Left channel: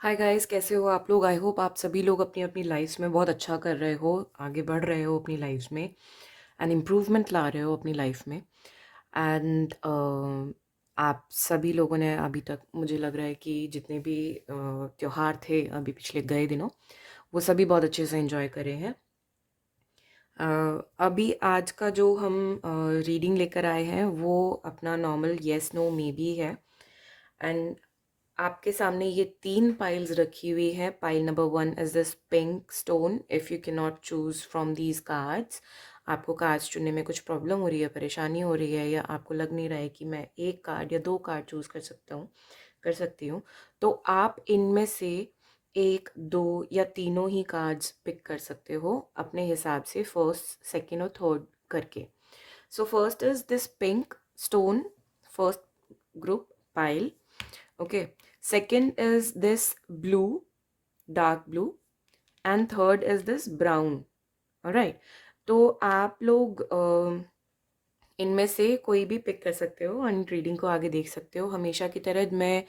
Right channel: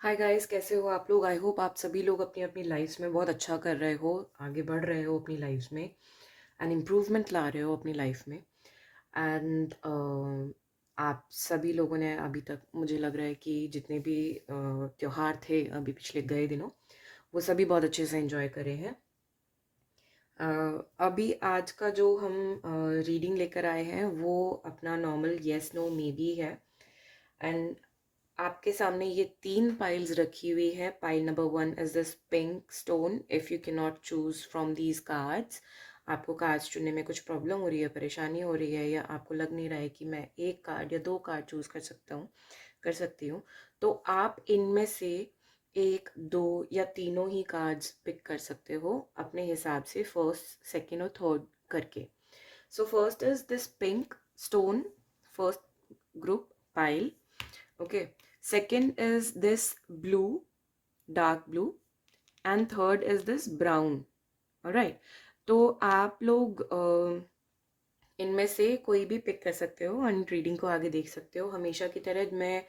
Hi guys, कैसे हो आप लोग। आई होप आप सभी लोग अपनी अपनी लाइफ्स में बहुत अच्छा कर रहे हो, आगे बढ़ रहे हो अपनी लाइफ्स में एंड इम्प्रूवमेंट ला रहे हो अपनी लाइफ में। एंड आप सभी लोगों ने अभी तक मुझे लग रहा है कि जितने भी त्योहार थे अभी पिछले गए दिनों, वो सभी बहुत अच्छे से एंजॉय करे हैं। अभी आज का जो हम रीडिंग लेकर आए हैं वो अपना normal yes no maybe है। एंड आपके सामने ये तीन पाइल्स रखी हुई है। Pile number one is this pink stone. If you can not choose from these cards, आपको कार्ड्स चुनने में कुछ प्रॉब्लम हो रही है, परेशानी हो रही है, या आपको लग नहीं रहा है कि मैं एक कार्ड या दो कार्ड चूज कर सकती हूँ, तो आप इनमें से एक, दो या तीनों ही कार्ड्स पिक कर सकते हो अपने हिसाब से, फर्स्ट, सेकेंड और थर्ड करके। So first is this pink stone, first group pile. Okay. Second is this blue, dark blue, and third is this brown. All right. तो आप लोग इनमें से कोई भी पिक कर सकते हो एंड रीडिंग को आगे देख सकते हो। हमेशा की तरह मैं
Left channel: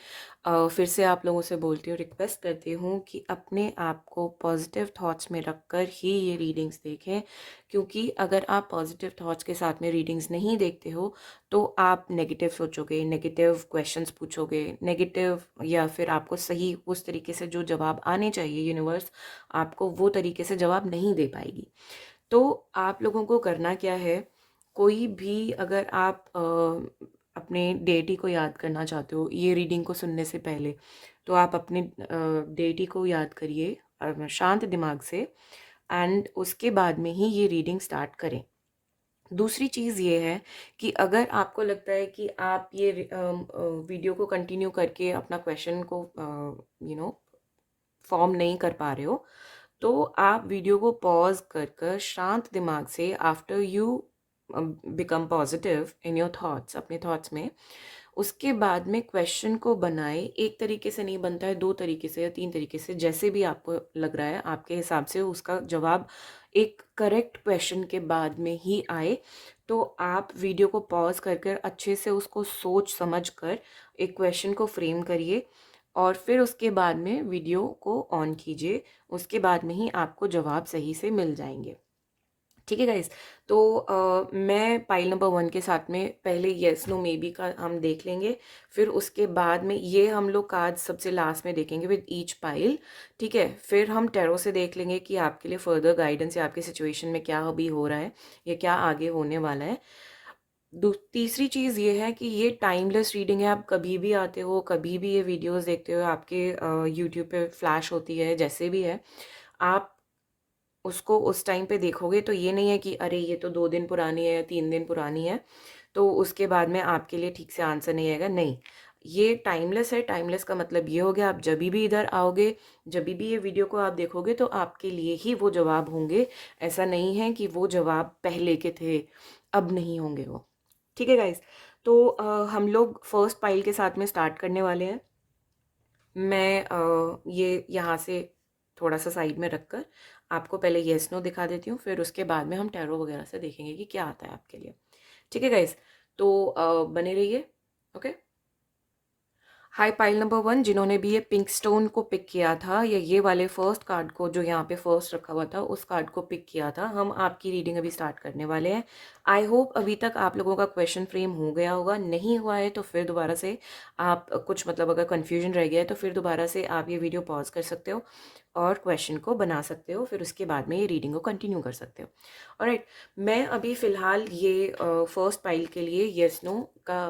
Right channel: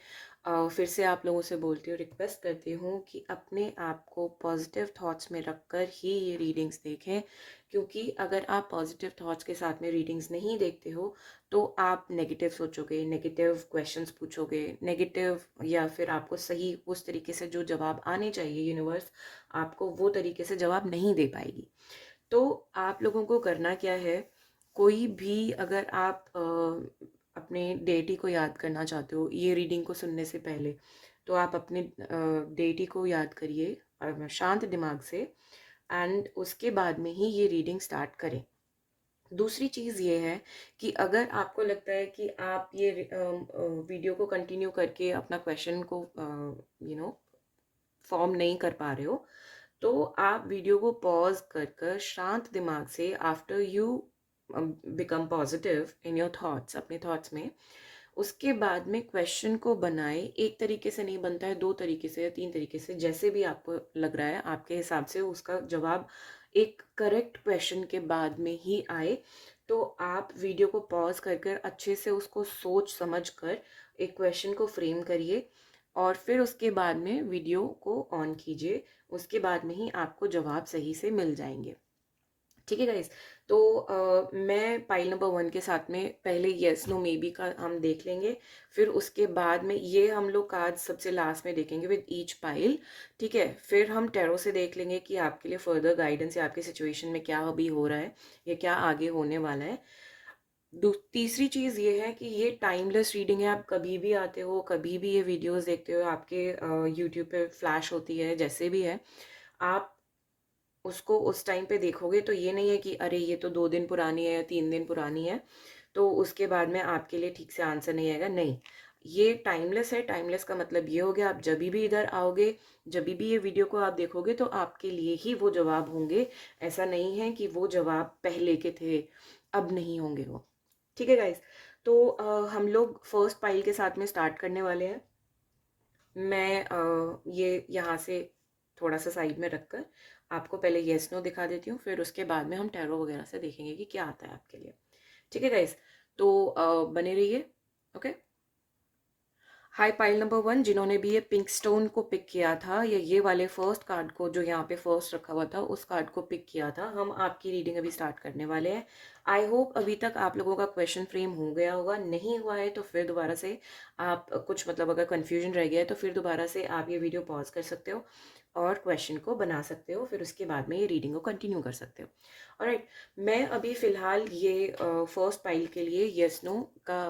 फिर से आप लोगों से बोलती हूँ, रिक्वेस्ट करती हूँ कि अपने आप को पॉजिटिव थॉट्स में रखकर ही ये रीडिंग्स देखें, क्योंकि अगर आप पॉजिटिव थॉट्स के साथ में रीडिंग्स नहीं देखते हो तो आप नेगेटिव सोचोगे, नेगेटिव क्वेश्चंस पूछोगे, नेगेटिव, या फिर आपको सही उस तरीके से जो जवाब आने चाहिए, यूनिवर्स आपको वो तरीके से जवाब नहीं दे पाएगी। तो आप लोगों को करना क्या है, कोई भी अगर आप अपने डेटी को याद करना चाहते हो ये रीडिंग को सुनने से पहले, तो आप अपने डेटी को याद करिए शांत दिमाग से, एंड उसके बाद में ही ये रीडिंग स्टार्ट करें। दूसरी चीज़ ये है कि अगर आपको लगता है कि आप ये वीडियो को कंटिन्यू करके अपना क्वेश्चन को फॉर्म नहीं कर पा रहे हो, तो आप वीडियो को पॉज कर कर शांत दिमाग से, after you become positive in your thoughts, अपने थॉट्स में, उसके बाद में क्वेश्चन को बनाए। एक तरीके से नहीं बनता है, दो तरीके से या तीन तरीके से, जैसे भी आपको लग रहा है आपके हिसाब से उसका जवाब एक करेक्ट क्वेश्चन के बाद में ही आए। तो आप वीडियो को पॉज कर कर अच्छे से उसको सोच समझ कर एक क्वेश्चन को फ्रेम करिए, और फिर उसके बाद में वीडियो को ऑन कीजिए। उसके बाद में ही आपको जवाब सही से मिल जाएंगे। ठीक है गाइस। तो मैं पाइल नंबर वन के साथ में पहले येस नो मे बी का हम देख लेंगे, फिर उसके बाद में ये हम लोग कार्ड सबसे लास्ट में देखेंगे विद ईच पाइल। ठीक है, फिर हम टैरो से देख लेंगे कि आपके लिए फर्दर गाइडेंस या आपकी सिचुएशन में क्या अभी हो रहा है या क्या आगे होने वाला है। तीसरी चीज़ ये है कि ये टाइमलेस रीडिंग है। आप कभी भी आते हो, कभी भी ये वीडियोस देखते हो, आपके यूट्यूब पे फ्लैश होती है, जैसे भी है, आप उसको उस टाइम पे देखोगे तो ये नहीं है कि अरे ये तो 2 दिन पुरानी है या 3 दिन पुरानी है, तो उसके बाद में आपके लिए ठीक से आंसर नहीं आएगा। नहीं, ये टाइमलेस है। टाइमलेस का मतलब ये हो गया, आप जब भी इधर आओगे, जब भी ये वीडियो को आप देखोगे, तो आपके लिए ही वो जवाब होंगे। ऐसा नहीं है कि वो जवाब पहले के थे, अब नहीं होंगे वो। ठीक है गाइस। तो हम लोग फर्स्ट पाइल के साथ में स्टार्ट करने वाले हैं। मैं ये यहाँ से थोड़ा सा साइड में रखकर आपको पहले येस नो दिखा देती हूँ, फिर उसके बाद में हम टैरो वगैरह से देखेंगे कि क्या आता है आपके लिए। ठीक है गाइस। तो बने रहिए। Okay. High pile number one, जिन्होंने भी ये पिंक स्टोन को पिक किया था, या ये वाले फर्स्ट कार्ड को जो यहाँ पे फर्स्ट रखा हुआ था उस कार्ड को पिक किया था, हम आपकी रीडिंग अभी स्टार्ट करने वाले हैं। आई होप अभी तक आप लोगों का क्वेश्चन फ्रेम हो गया होगा। नहीं हुआ है तो फिर दोबारा से आप कुछ, मतलब अगर कन्फ्यूजन रह गया है तो फिर दोबारा से आप ये वीडियो पॉज कर सकते हो और क्वेश्चन को बना सकते हो, फिर उसके बाद में ये रीडिंग को कंटिन्यू कर सकते हो। ऑलराइट। मैं अभी फ़िलहाल ये फर्स्ट पाइल के लिए येस नो का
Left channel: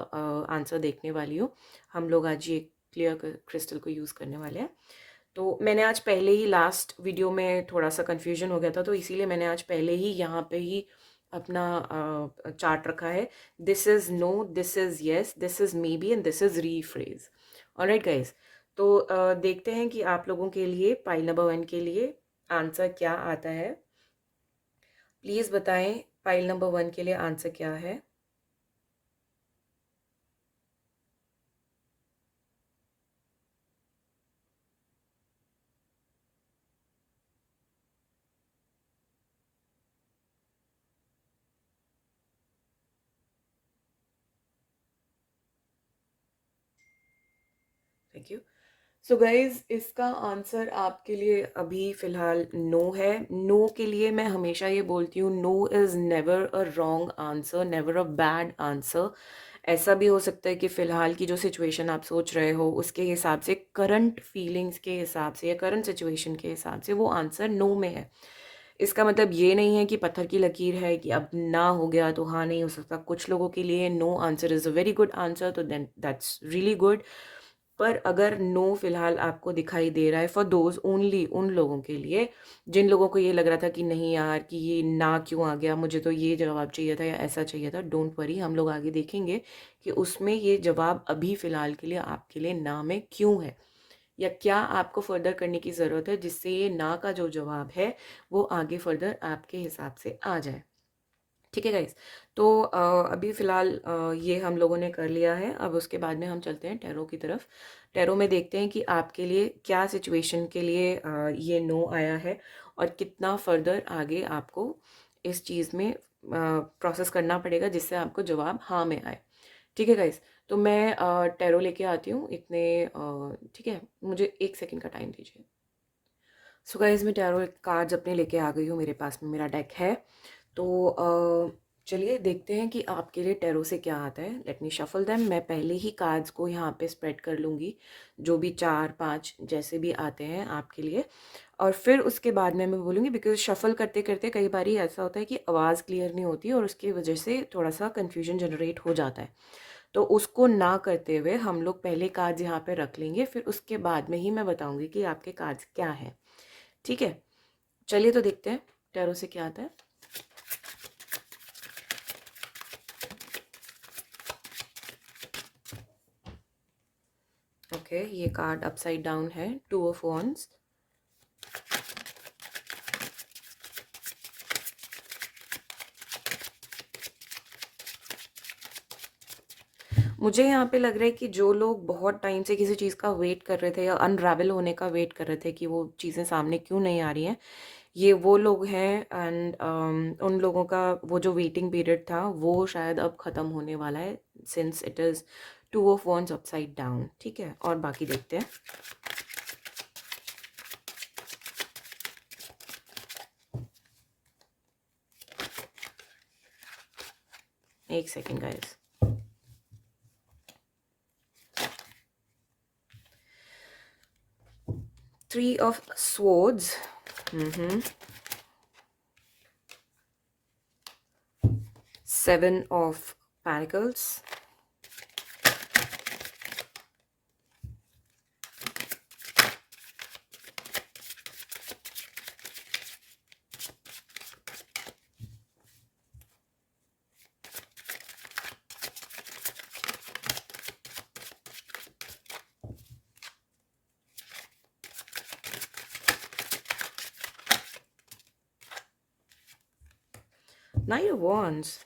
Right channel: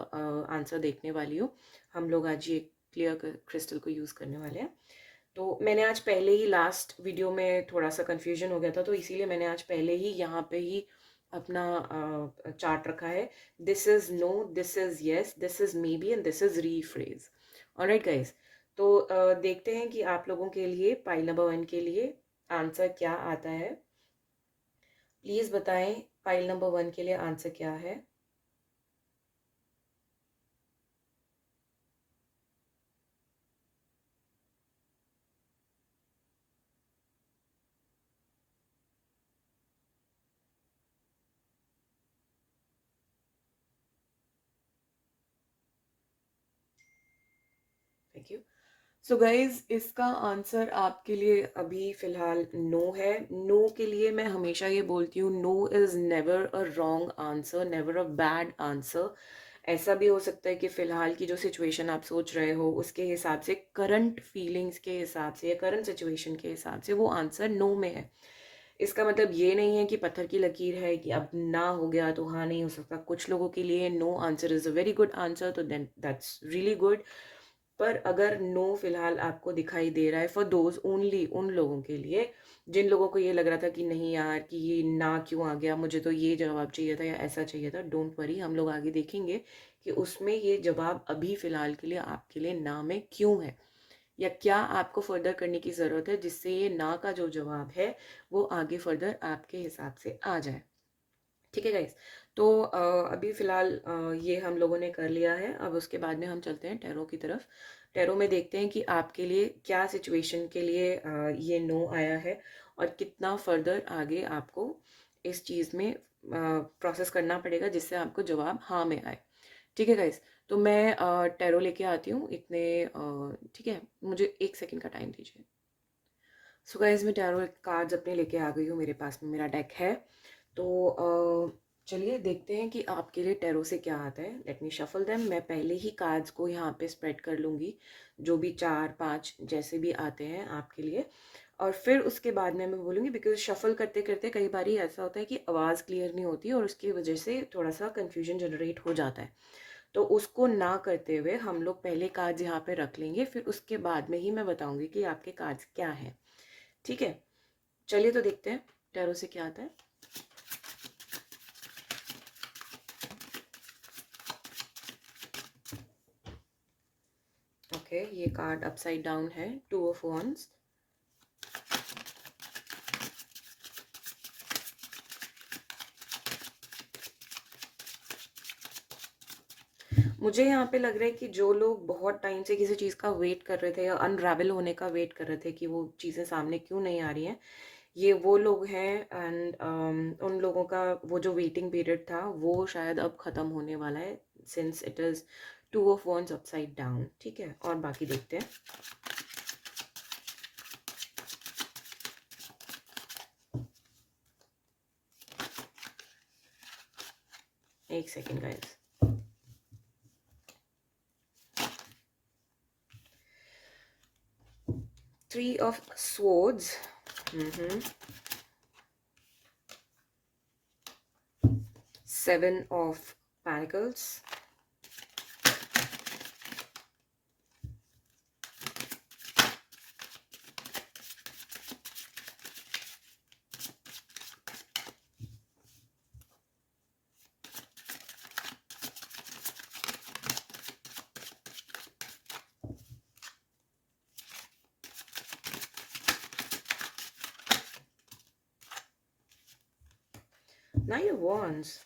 आंसर देखने वाली हूँ। हम लोग आज ये क्लियर क्रिस्टल को यूज़ करने वाले हैं। तो मैंने आज पहले ही, लास्ट वीडियो में थोड़ा सा कन्फ्यूजन हो गया था, तो इसीलिए मैंने आज पहले ही यहाँ पे ही अपना चार्ट रखा है। This is no, this is yes, this is maybe and this is rephrase. Alright guys. तो देखते हैं कि आप लोगों के लिए पाइल नंबर वन के लिए आंसर क्या आता है। प्लीज़ बताएं पाइल नंबर वन के लिए आंसर क्या है। Thank you. सो गाइज, इसका आंसर आपके लिए अभी फ़िलहाल नो है। नो के लिए मैं हमेशा ये बोलती हूँ, no is never a wrong answer, never a bad answer. ऐसा भी हो सकता है कि फ़िलहाल की जो सिचुएशन आप सोच रहे हो उसके हिसाब से, करंट फीलिंग्स के हिसाब से या करंट सिचुएशन के हिसाब से वो आंसर नो में है। इसका मतलब ये नहीं है कि पत्थर की लकीर है कि अब ना हो गया तो हाँ नहीं हो सकता। कुछ लोगों के लिए no answer is a very good answer, तो देन दैट्स रियली गुड। पर अगर नो फिलहाल आपको दिखाई दे रहा है, फॉर दोज ओनली, उन लोगों के लिए जिन लोगों को ये लग रहा था कि नहीं यार, कि ये ना क्यों आ गया, मुझे तो ये जवाब चाहिए था या ऐसा चाहिए था, डोंट वरी, हम लोग आगे देखेंगे कि उसमें ये जवाब अभी फ़िलहाल के लिए आपके लिए ना में क्यों है, या क्या आपको फर्दर करने की ज़रूरत है जिससे ये ना का जो जवाब है वो आगे फर्दर आपके हिसाब से आ जाए। ठीक है गाइस। तो अभी फ़िलहाल ये हम लोगों ने कर लिया है। अब उसके बाद में हम चलते हैं टैरो की तरफ। टैरो में देखते हैं कि आपके लिए क्या सिचुएशन के लिए ये नो आया है और कितना फर्दर आगे आपको इस चीज़ में प्रोसेस करना पड़ेगा जिससे आपको जवाब हाँ में आए। ठीक है गाइस। तो मैं टैरो लेके आती हूँ इतने ठीक है, मुझे 1 सेकंड का टाइम दीजिए। सो गाइस, मैं टैरो कार्ड्स अपने लेके आ गई हूँ, मेरे पास में मेरा डेक है। तो चलिए देखते हैं कि आपके लिए टैरो से क्या आता है। Let me shuffle them. मैं पहले ही कार्ड्स को यहाँ पे स्प्रेड कर लूँगी, जो भी 4-5 जैसे भी आते हैं आपके लिए, और फिर उसके बाद में मैं बोलूँगी, बिकॉज शफल करते करते कई बार ऐसा होता है कि आवाज़ क्लियर नहीं होती और उसकी वजह से थोड़ा सा कन्फ्यूजन जनरेट हो जाता है। तो उसको ना करते हुए हम लोग पहले कार्ड्स यहाँ पे रख लेंगे, फिर उसके बाद में ही मैं बताऊँगी कि आपके कार्ड्स क्या हैं। ठीक है, चलिए तो देखते हैं टैरो से क्या आता है। ओके, ये कार्ड अपसाइड डाउन है, 2 ऑफ वॉन्ड्स। मुझे यहाँ पे लग रहा है कि जो लोग बहुत टाइम से किसी चीज़ का वेट कर रहे थे या अनरावल होने का वेट कर रहे थे कि वो चीज़ें सामने क्यों नहीं आ रही हैं, ये वो लोग हैं। एंड उन लोगों का वो जो वेटिंग पीरियड था वो शायद अब ख़त्म होने वाला है, since it is 2 of wands upside down. ठीक है, और बाकी देखते हैं। एक second guys. 3 of swords, 7 of pentacles, Knight of Wands.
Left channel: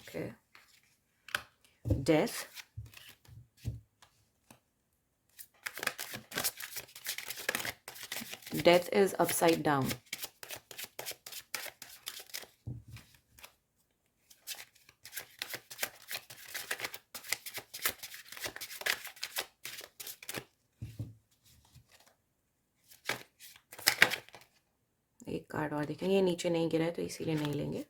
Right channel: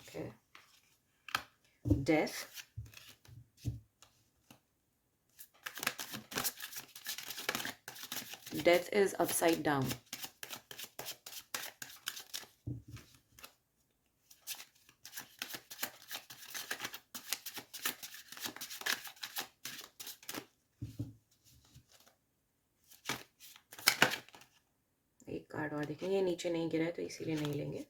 Okay. Death. Death is upside down. एक कार्ड और देखेंगे, ये नीचे नहीं गिरा है तो इसीलिए नहीं लेंगे।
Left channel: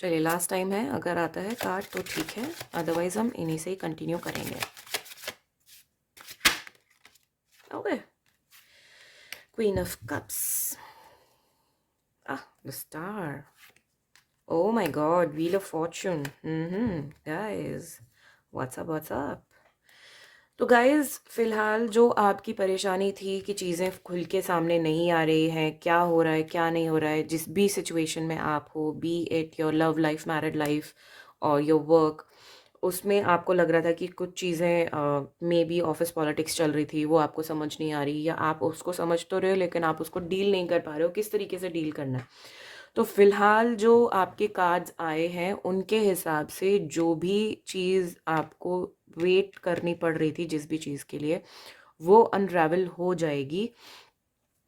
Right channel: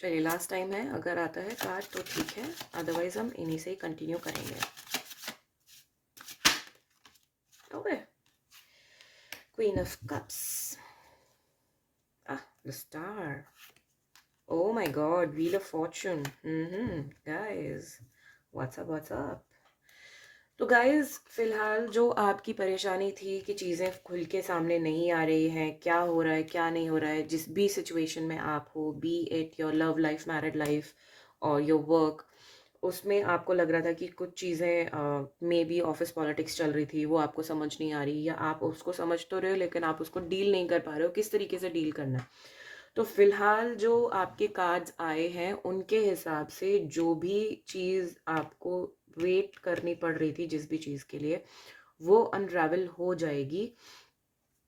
चलिए, लास्ट टाइम है, अगर आता है कार्ड तो ठीक है, अदरवाइज हम इन्हीं से ही कंटिन्यू करेंगे। Okay, queen of cups, the star, oh my God, wheel of Fortune. Guys, what's up. तो गाइज, फिलहाल जो आपकी परेशानी थी कि चीज़ें खुल के सामने नहीं आ रही हैं, क्या हो रहा है क्या नहीं हो रहा है, जिस भी सिचुएशन में आप हो, B it your love life, married life और योर वर्क, उसमें आपको लग रहा था कि कुछ चीज़ें मे बी ऑफिस पॉलिटिक्स चल रही थी, वो आपको समझ नहीं आ रही, या आप उसको समझ तो रहे हो लेकिन आप उसको डील नहीं कर पा रहे हो, किस तरीके से डील करना है। तो फिलहाल जो आपके कार्ड्स आए हैं उनके हिसाब से जो भी चीज़ आपको वेट करनी पड़ रही थी जिस भी चीज़ के लिए, वो अनरावल हो जाएगी,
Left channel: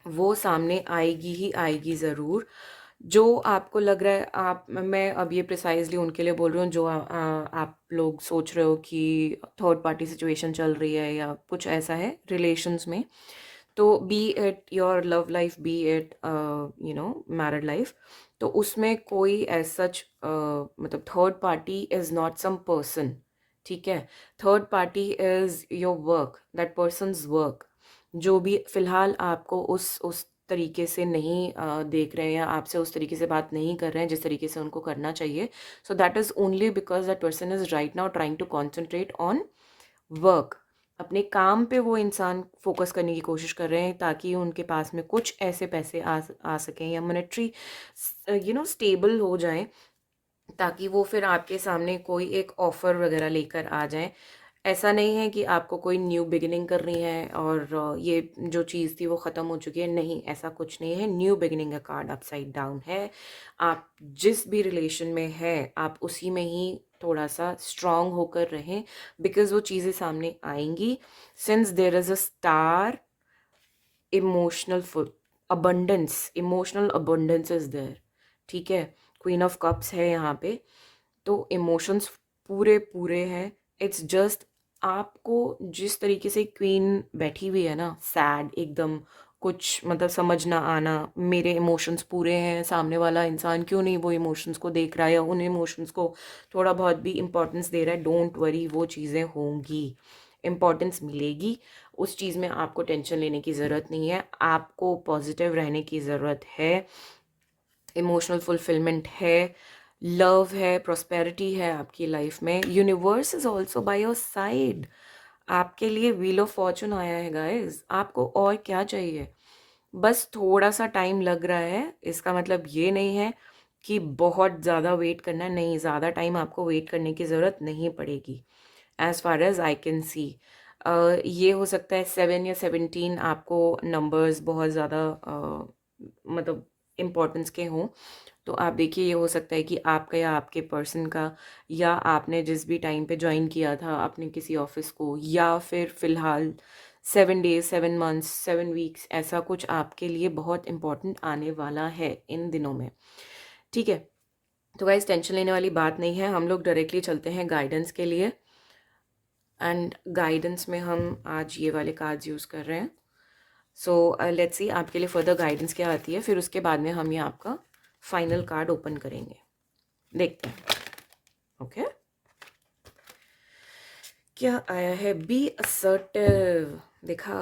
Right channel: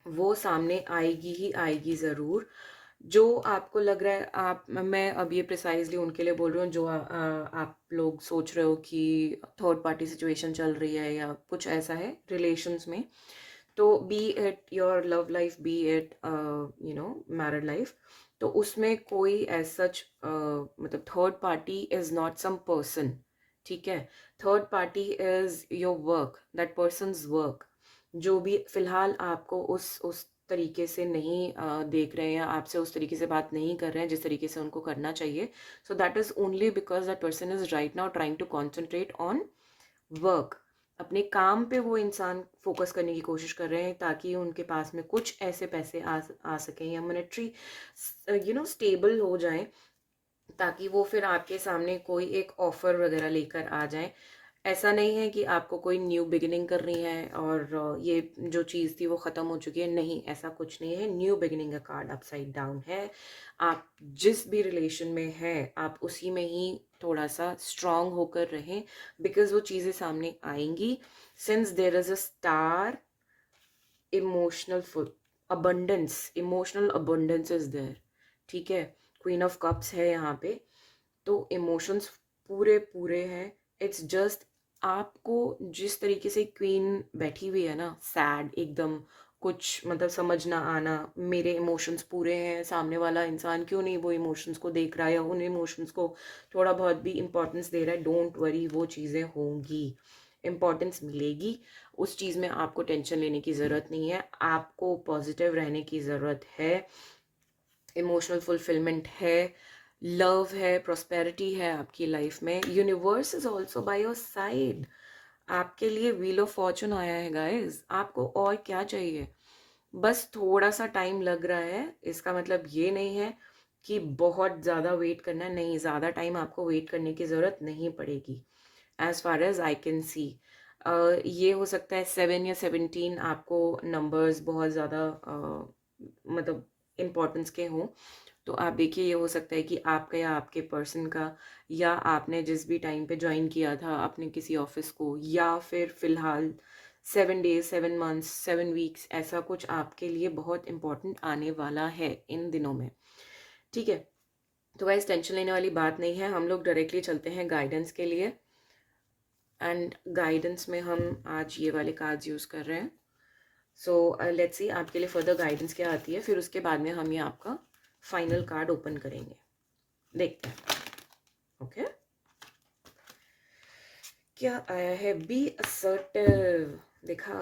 वो सामने आएगी ही आएगी ज़रूर। जो आपको लग रहा है, आप मैं अब ये प्रिसाइजली उनके लिए बोल रही हूँ जो आप लोग सोच रहे हो कि थर्ड पार्टी सिचुएशन चल रही है या कुछ ऐसा है रिलेशंस में, तो be it your love life, be it married life, तो उसमें कोई एज सच मतलब third party is not some person, ठीक है। Third party is your work, that person's work, जो भी फिलहाल आपको उस तरीके से नहीं देख रहे हैं या आपसे उस तरीके से बात नहीं कर रहे हैं जिस तरीके से उनको करना चाहिए, so that is only because that person is right now trying to concentrate on work. अपने काम पे वो इंसान फोकस करने की कोशिश कर रहे हैं ताकि उनके पास में कुछ ऐसे पैसे आ सकें या मॉनेटरी स्टेबल हो जाएं, ताकि वो फिर आपके सामने कोई एक ऑफर वगैरह लेकर आ जाएं। ऐसा नहीं है कि आपको कोई न्यू बिगिनिंग करनी है और ये जो चीज़ थी वो ख़त्म हो चुकी है, नहीं, ऐसा कुछ नहीं है। न्यू बिगिनिंग का कार्ड अपसाइड डाउन है। आप जिस भी रिलेशन में है आप उसी में ही थोड़ा सा स्ट्रांग होकर रहें, बिकॉज वो चीज़ें सामने आएंगी। Since there is a star, emotional emotional abundance is there, ठीक है। क्वीन ऑफ कप्स है यहाँ पे, तो इमोशंस पूरे पूरे हैं। इट्स जस्ट आपको जिस तरीके से क्वीन बैठी हुई है ना, सैड एकदम, कुछ मतलब समझ ना आना, मेरे इमोशंस पूरे हैं, सामने वाला इंसान क्यों नहीं वो इमोशंस को देख रहा है या उन इमोशंस को थोड़ा बहुत भी इम्पोर्टेंस दे रहा है, डोंट वरी, वो चीज़ें होंगी, इम्पोर्टेंस मिलेगी। उस चीज़ में आपको टेंशन लेने की ज़रूरत नहीं है, आपको पॉजिटिव रहने की ज़रूरत है। इमोशनल फुलफिलमेंट है, लव है, प्रॉस्पेरिटी है आपकी लाइफ में, universe is also bye your side. आपके लिए व्हील ऑफ फॉर्चून आया है गाइस, आपको और क्या चाहिए। बस थोड़ा सा टाइम लग रहा है, इसका मतलब ये नहीं है कि बहुत ज़्यादा वेट करना है, नहीं, ज़्यादा टाइम आपको वेट करने की ज़रूरत नहीं पड़ेगी। As far as I can see, ये हो सकता है 7 या 17 आपको नंबर्स बहुत ज़्यादा मतलब इम्पोर्टेंस के हों, तो आप देखिए ये हो सकता है कि आपका या आपके पर्सन का, या आपने जिस भी टाइम पे ज्वाइन किया था अपने किसी ऑफिस को, या फिर फिलहाल 7 डेज, 7 मंथ्स, 7 वीक्स, ऐसा कुछ आपके लिए बहुत इंपॉर्टेंट आने वाला है इन दिनों में, ठीक है। तो गाइस टेंशन लेने वाली बात नहीं है, हम लोग डायरेक्टली चलते हैं गाइडेंस के लिए। एंड गाइडेंस में हम आज ये वाले कार्ड्स यूज़ कर रहे हैं। सो लेट्स सी आपके लिए फर्दर गाइडेंस क्या आती है, फिर उसके बाद में हम ये आपका फाइनल कार्ड ओपन करेंगे, देखते हैं। ओके, क्या आया है, बी असर्टिव, देखा,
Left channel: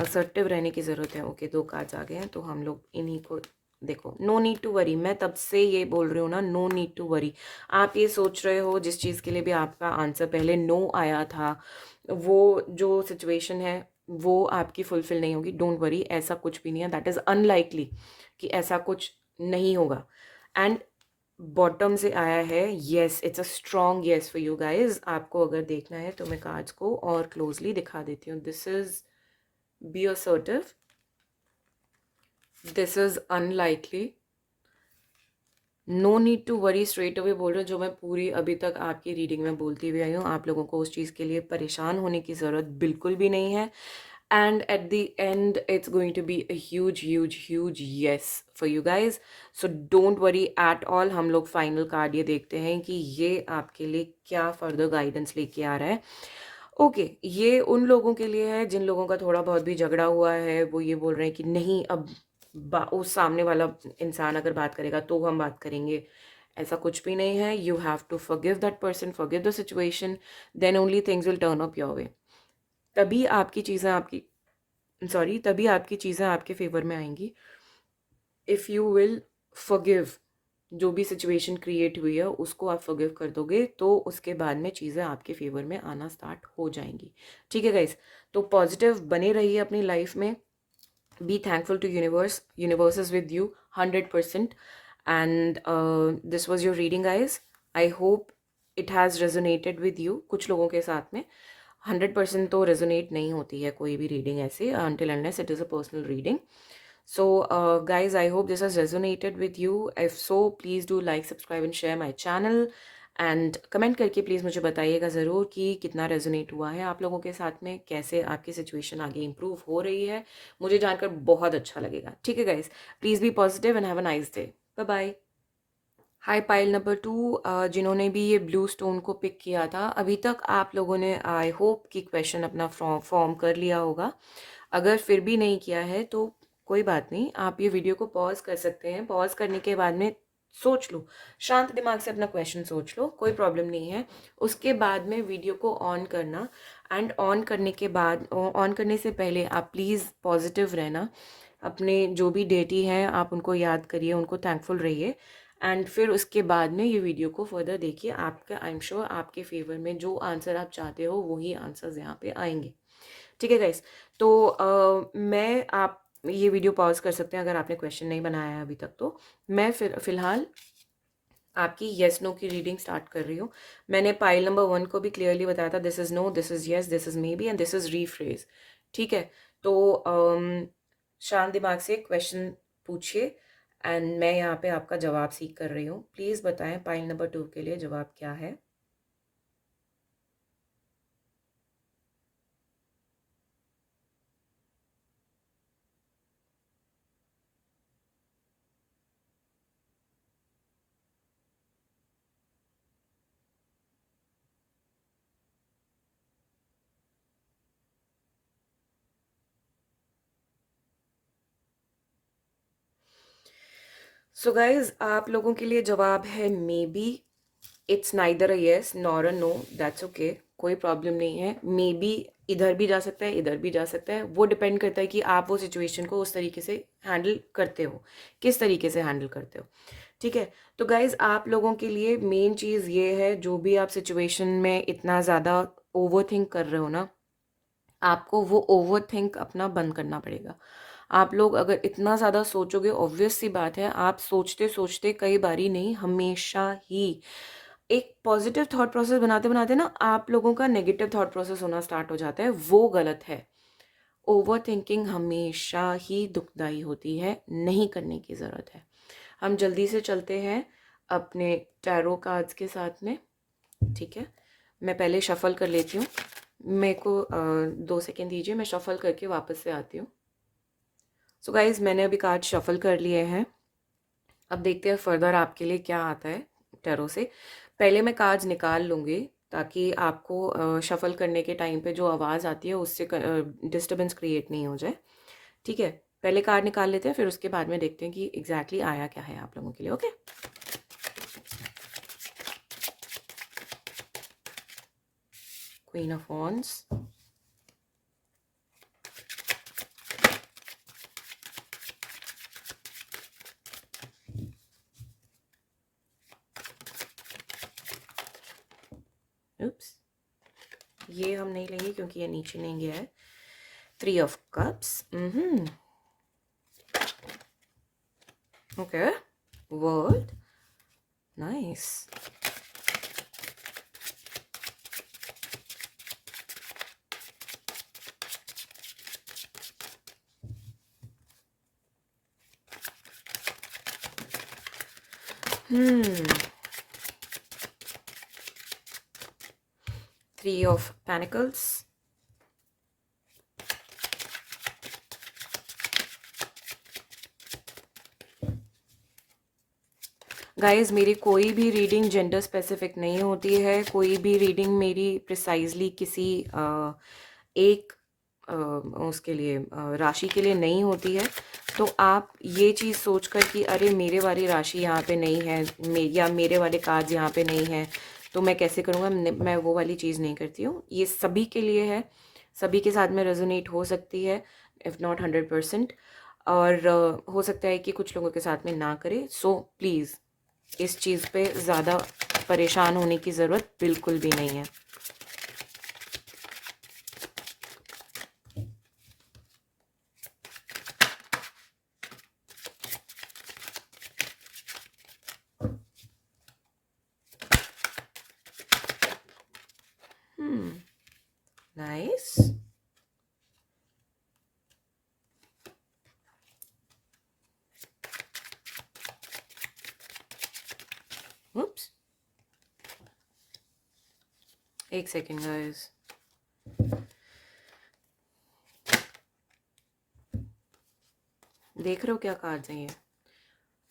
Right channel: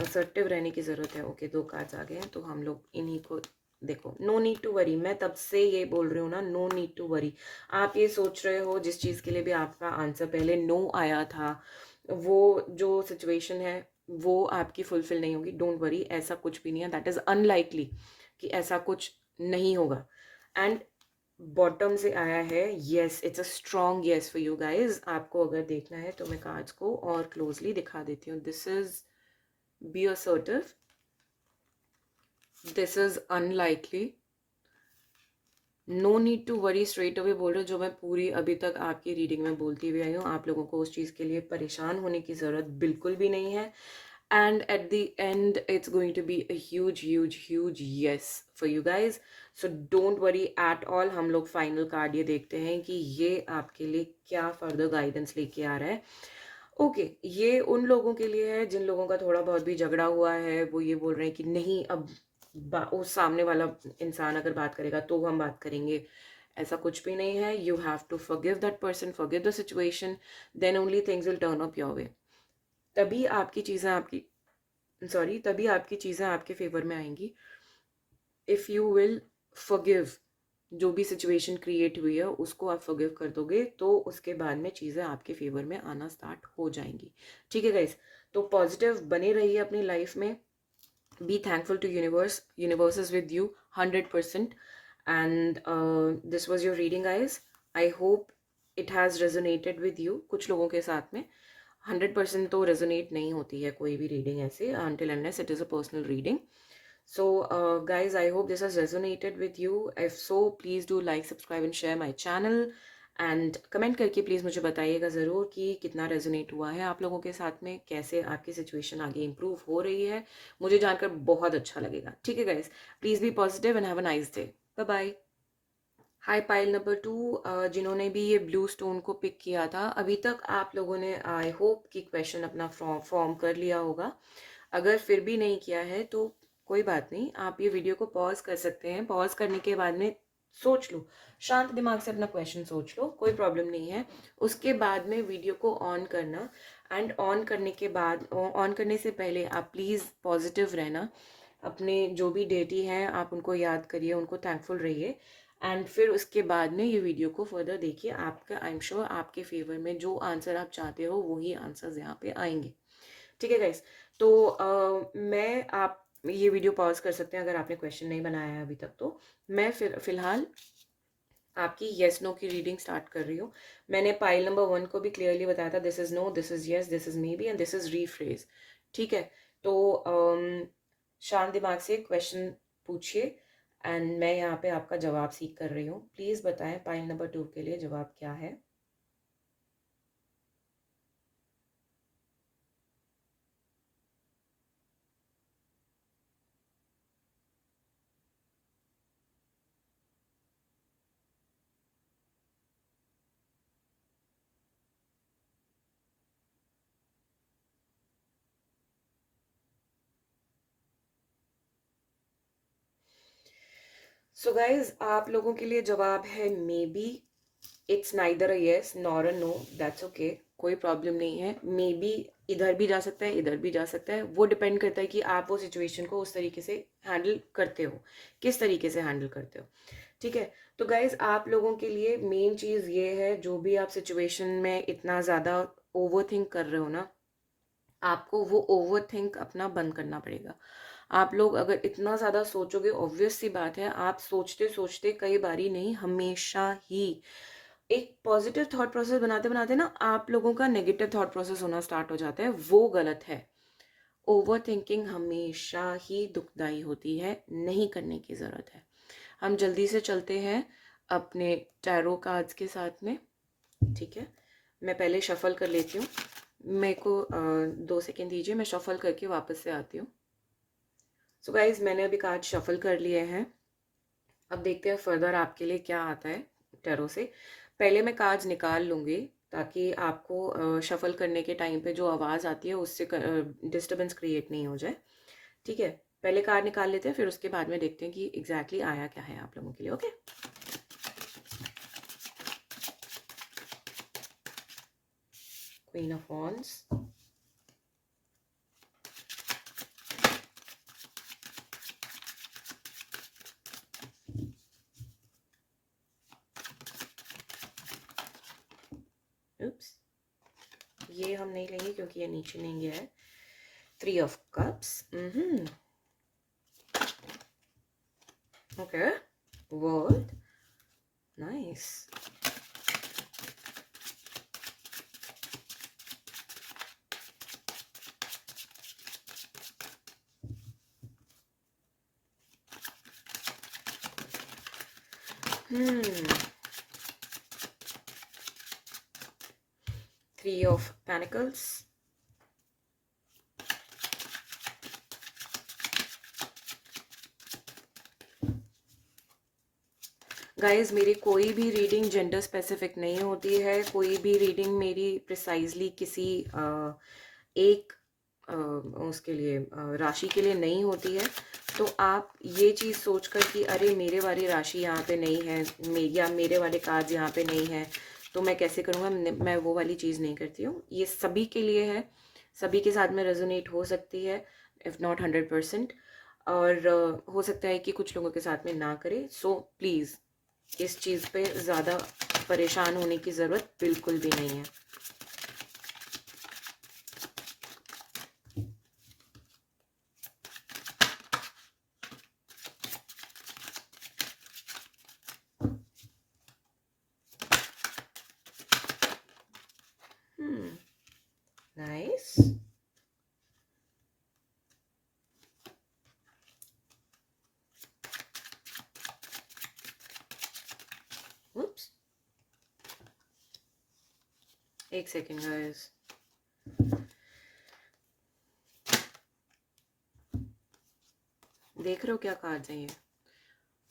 असर्टिव रहने की ज़रूरत है। ओके, 2 कार्ड्स आ गए हैं तो हम लोग इन्हीं को देखो। नो नीड टू वरी, मैं तब से ये बोल रही हूँ ना, नो नीड टू वरी। आप ये सोच रहे हो जिस चीज़ के लिए भी आपका आंसर पहले नो आया था, वो जो सिचुएशन है वो आपकी फुलफिल नहीं होगी, डोंट वरी, ऐसा कुछ भी नहीं है, दैट इज़ अनलाइकली कि ऐसा कुछ नहीं होगा। एंड बॉटम से आया है yes, it's a strong yes for you guys. आपको अगर देखना है तो मैं कार्ड्स को और क्लोजली दिखा देती हूँ। This is be assertive, this is unlikely, no need to worry, straight away बोल रहे, जो मैं पूरी अभी तक आपकी रीडिंग में बोलती हुई आई हूँ, आप लोगों को उस चीज़ के लिए परेशान होने की ज़रूरत बिल्कुल भी नहीं है। And at the end it's going to be a huge huge huge yes for you guys, so don't worry at all. हम लोग फाइनल कार्ड ये देखते हैं कि ये आपके लिए क्या फर्दर गाइडेंस लेके आ रहा है। ओके, ये उन लोगों के लिए है जिन लोगों का थोड़ा बहुत भी झगड़ा हुआ है, वो ये बोल रहे हैं कि नहीं, अब उस सामने वाला इंसान अगर बात करेगा तो हम बात करेंगे, ऐसा कुछ भी नहीं है। You have to forgive that person, forgive the situation, then only things will turn up your way. तभी आपकी चीज़ें आपकी तभी आपकी चीज़ें आपके फेवर में आएंगी, इफ़ यू विल फॉरगिव। जो भी सिचुएशन क्रिएट हुई है उसको आप फॉरगिव कर दोगे तो उसके बाद में चीज़ें आपके फेवर में आना स्टार्ट हो जाएंगी, ठीक है गाइस। तो पॉजिटिव बने रहिए अपनी लाइफ में, be thankful to universe is with you 100%, and this was your reading guys. I hope it has resonated with you. कुछ लोगों के साथ में 100% तो रेजोनेट नहीं होती है कोई भी रीडिंग ऐसे, until unless it is a personal reading. So, guys, I hope this has resonated with you. If so, please do like, subscribe and share my channel. And comment करके प्लीज़ मुझे बताइएगा ज़रूर कि कितना रेजोनेट हुआ है आप लोगों के साथ में, कैसे आपकी सिचुएशन आगे इम्प्रूव हो रही है. मुझे जानकर बहुत अच्छा लगेगा. ठीक है guys, please be positive and have a nice day. Bye bye. Hi pile number 2, जिन्होंने भी ये ब्लू स्टोन को पिक किया था, अभी तक आप लोगों ने आई होप कि क्वेश्चन अपना फॉर्म कर लिया होगा. अगर फिर भी नहीं किया है तो कोई बात नहीं, आप ये वीडियो को पॉज कर सकते हैं. पॉज करने के बाद में सोच लो, शांत दिमाग से अपना क्वेश्चन सोच लो, कोई प्रॉब्लम नहीं है. उसके बाद में वीडियो को ऑन करना, एंड ऑन करने के बाद, ऑन करने से पहले आप प्लीज़ पॉजिटिव रहना. अपने जो भी डेटी हैं आप उनको याद करिए, उनको थैंकफुल रहिए. एंड फिर उसके बाद में ये वीडियो को फर्दर देखिए. आपका, आई एम श्योर आपके फेवर में जो आंसर आप चाहते हो वही आंसर्स यहाँ पे आएंगे. ठीक है गाइस. तो मैं, आप ये वीडियो पॉज कर सकते हैं अगर आपने क्वेश्चन नहीं बनाया है अभी तक. तो मैं फिर फिलहाल आपकी येस नो की रीडिंग स्टार्ट कर रही हूँ. मैंने पाइल नंबर 1 को भी क्लियरली बताया था, this is no, this is yes, this is maybe and this is rephrase. ठीक है. तो शांत दिमाग से क्वेश्चन पूछिए एंड मैं यहाँ पे आपका जवाब सीख कर रही हूँ. प्लीज़ बताएं पाइल नंबर 2 के लिए जवाब क्या है. सो गाइज, आप लोगों के लिए जवाब है maybe. It's neither a yes nor a no, that's okay, कोई प्रॉब्लम नहीं है. मे बी इधर भी जा सकता है, इधर भी जा सकता है. वो डिपेंड करता है कि आप वो सिचुएशन को उस तरीके से हैंडल करते हो, किस तरीके से हैंडल करते हो. ठीक है. तो गाइज, आप लोगों के लिए मेन चीज़ ये है, जो भी आप सिचुएशन में इतना ज़्यादा ओवर थिंक कर रहे हो ना, आपको वो ओवर थिंक अपना बंद करना पड़ेगा. आप लोग अगर इतना ज़्यादा सोचोगे, ऑब्वियस सी बात है, आप सोचते सोचते कई बारी नहीं, हमेशा ही एक पॉजिटिव थॉट प्रोसेस बनाते बनाते ना आप लोगों का नेगेटिव थॉट प्रोसेस होना स्टार्ट हो जाता है. वो गलत है. ओवर थिंकिंग हमेशा ही दुखदाई होती है, नहीं करने की ज़रूरत है. हम जल्दी से चलते हैं अपने टैरो कार्ड्स के साथ में. ठीक है. मैं पहले शफल कर लेती हूँ. मेरे को 2 सेकेंड दीजिए, मैं शफल करके वापस से आती हूँ. सो गाइज, मैंने अभी कार्ड शफल कर लिए हैं. अब देखते हैं फर्दर आपके लिए क्या आता है टैरो से. पहले मैं कार्ड्स निकाल लूँगी ताकि आपको शफल करने के टाइम पे जो आवाज़ आती है उससे डिस्टर्बेंस क्रिएट नहीं हो जाए. ठीक है. पहले कार्ड निकाल लेते हैं, फिर उसके बाद में देखते हैं कि एग्जैक्टली आया क्या है आप लोगों के लिए. ओके. क्वीन ऑफ वॉन्ड्स, उप्स, ये हम नहीं लेंगे क्योंकि ये नीचे नहीं गया है. 3 of cups. Okay. World, nice. Three of Pentacles. Guys, मेरी कोई भी रीडिंग जेंडर स्पेसिफिक नहीं होती है. कोई भी रीडिंग मेरी प्रिसाइजली किसी एक उसके लिए राशि के लिए नहीं होती है. तो आप ये चीज़ सोचकर कि अरे मेरे वाली राशि यहाँ पे नहीं है, या मेरे वाले कार्ड यहाँ पे नहीं है, तो मैं कैसे करूँगा, मैं वो वाली चीज़ नहीं करती हूँ. ये सभी के लिए है, सभी के साथ में रेजोनेट हो सकती है, इफ़ नॉट 100%. और हो सकता है कि कुछ लोगों के साथ में ना करे. सो प्लीज़ इस चीज़ पे ज़्यादा परेशान होने की ज़रूरत बिल्कुल भी नहीं है. एक सेकेंड गाइस, देख रहे हो क्या कार्ड्स हैं ये?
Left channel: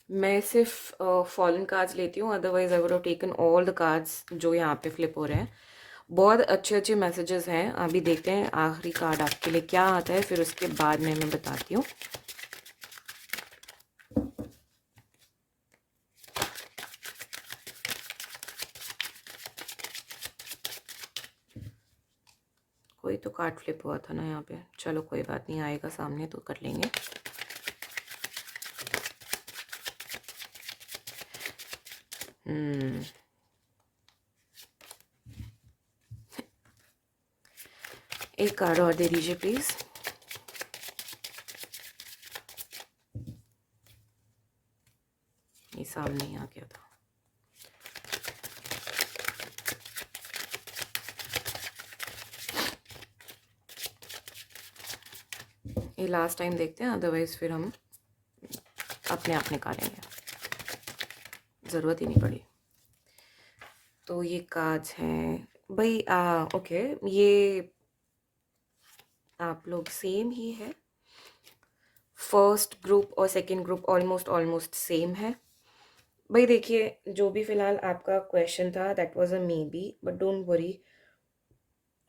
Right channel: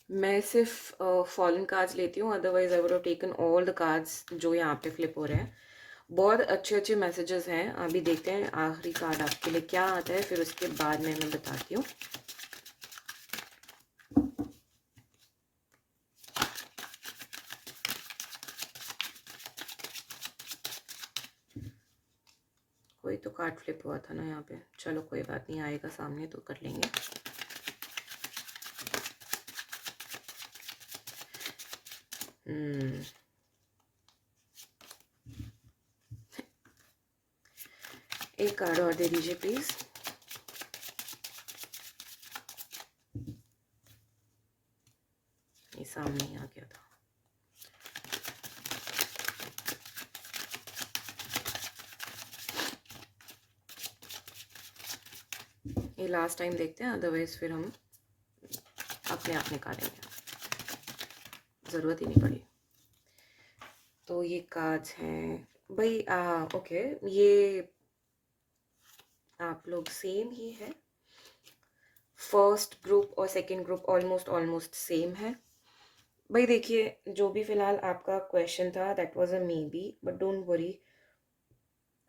मैं सिर्फ फॉलन कार्ड्स लेती हूँ, otherwise I would have taken all the cards जो यहाँ पे फ्लिप हो रहे हैं। बहुत अच्छे अच्छे मैसेजेस हैं। अभी देखते हैं आखिरी कार्ड आपके लिए क्या आता है, फिर उसके बाद मैं बताती हूँ। कोई तो कार्ड फ्लिप हुआ था ना यहाँ पे, चलो कोई बात नहीं, आएगा सामने तो कर लेंगे। एक कार्ड और दे दीजिए प्लीज। ये सामने ही आ गया था। ये लास्ट टाइम देखते हैं, अदरवाइज फिर हम अपने आप निकालेंगे, ज़रूरत ही नहीं पड़ी। तो ये कार्ड्स हैं भाई। ओके, ये आप लोग सेम ही है। फर्स्ट ग्रुप और second group almost almost same है भाई। देखिए, जो भी फिलहाल आपका क्वेश्चन था that was a maybe, but don't worry,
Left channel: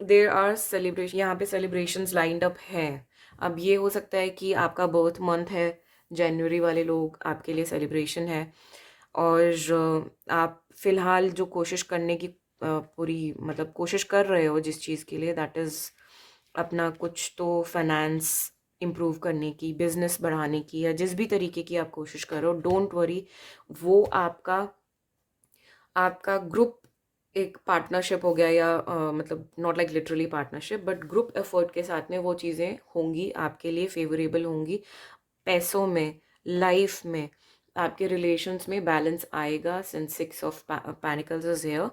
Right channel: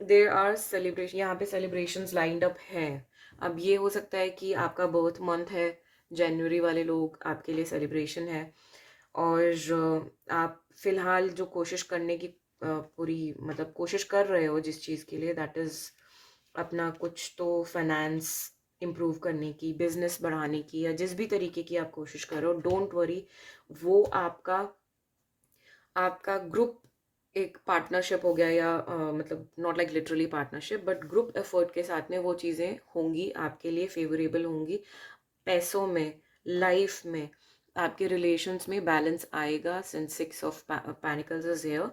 there are celebration, यहाँ पे सेलिब्रेशंस लाइंड अप हैं। अब ये हो सकता है कि आपका बर्थ मंथ है जनवरी, वाले लोग आपके लिए सेलिब्रेशन है। और आप फिलहाल जो कोशिश करने की पूरी मतलब कोशिश कर रहे हो जिस चीज़ के लिए, दैट इज़ अपना कुछ तो फाइनेंस इम्प्रूव करने की, बिजनेस बढ़ाने की, या जिस भी तरीके की आप कोशिश कर रहे हो, डोंट वरी, वो आपका आपका ग्रुप एक पार्टनरशिप हो गया, या मतलब not like literally partnership, but group effort के साथ में वो चीज़ें होंगी, आपके लिए फेवरेबल होंगी। पैसों में, लाइफ में, आपके रिलेशंस में बैलेंस आएगा। Since 6 of pentacles is here.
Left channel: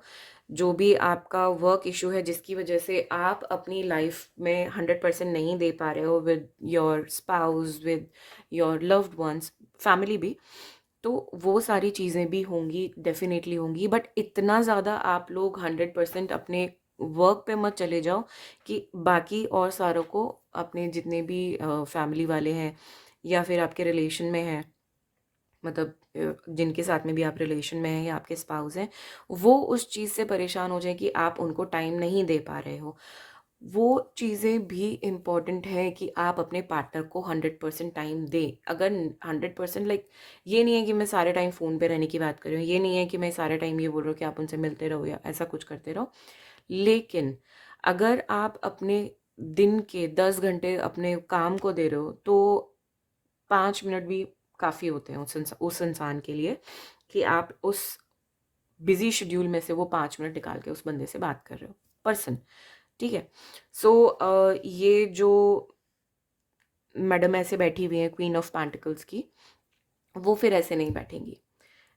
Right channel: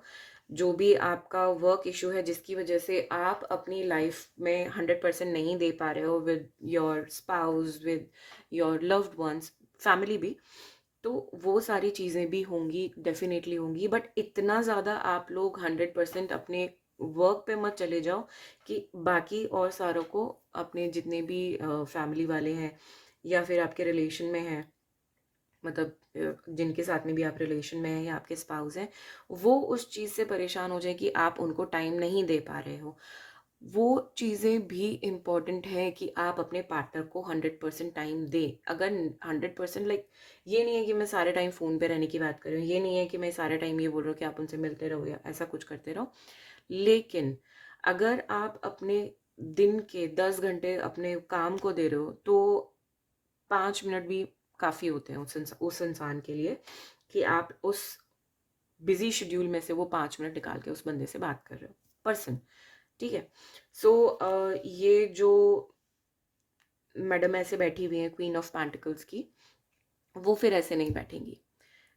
जो भी आपका वर्क इशू है जिसकी वजह से आप अपनी लाइफ में 100% नहीं दे पा रहे हो with your spouse, with your loved ones, family भी, तो वो सारी चीज़ें भी होंगी, डेफिनेटली होंगी। बट इतना ज़्यादा आप लोग 100% अपने वर्क पे मत चले जाओ कि बाकी और सारों को, अपने जितने भी फैमिली वाले हैं या फिर आपके रिलेशन में हैं, मतलब जिनके साथ में भी आप रिलेशन में हैं या आपके स्पाउस हैं, वो उस चीज़ से परेशान हो जाए कि आप उनको टाइम नहीं दे पा रहे हो। वो चीज़ें भी इम्पॉर्टेंट है कि आप अपने पार्टनर को 100% टाइम दें। अगर 100% लाइक, ये नहीं है कि मैं सारे टाइम फ़ोन पे रहने की बात कर रही हूँ, ये नहीं है कि मैं सारे टाइम ये बोल रहा हूँ कि आप उनसे मिलते रहो या ऐसा कुछ करते रहो। लेकिन अगर आप अपने दिन के 10 घंटे अपने काम को दे रहे हो, तो 5 मिनट भी काफ़ी होते हैं उस इंसान के लिए, कि आप उस बिजी शेड्यूल में से वो 5 मिनट निकाल के उस बंदे से बात कर रहे हो, पर्सन। ठीक है। सो ये जो मैडम ऐसे बैठी हुई हैं, क्वीन ऑफ पेंटिकल्स की, वो फिर ऐसे नहीं बैठेंगी।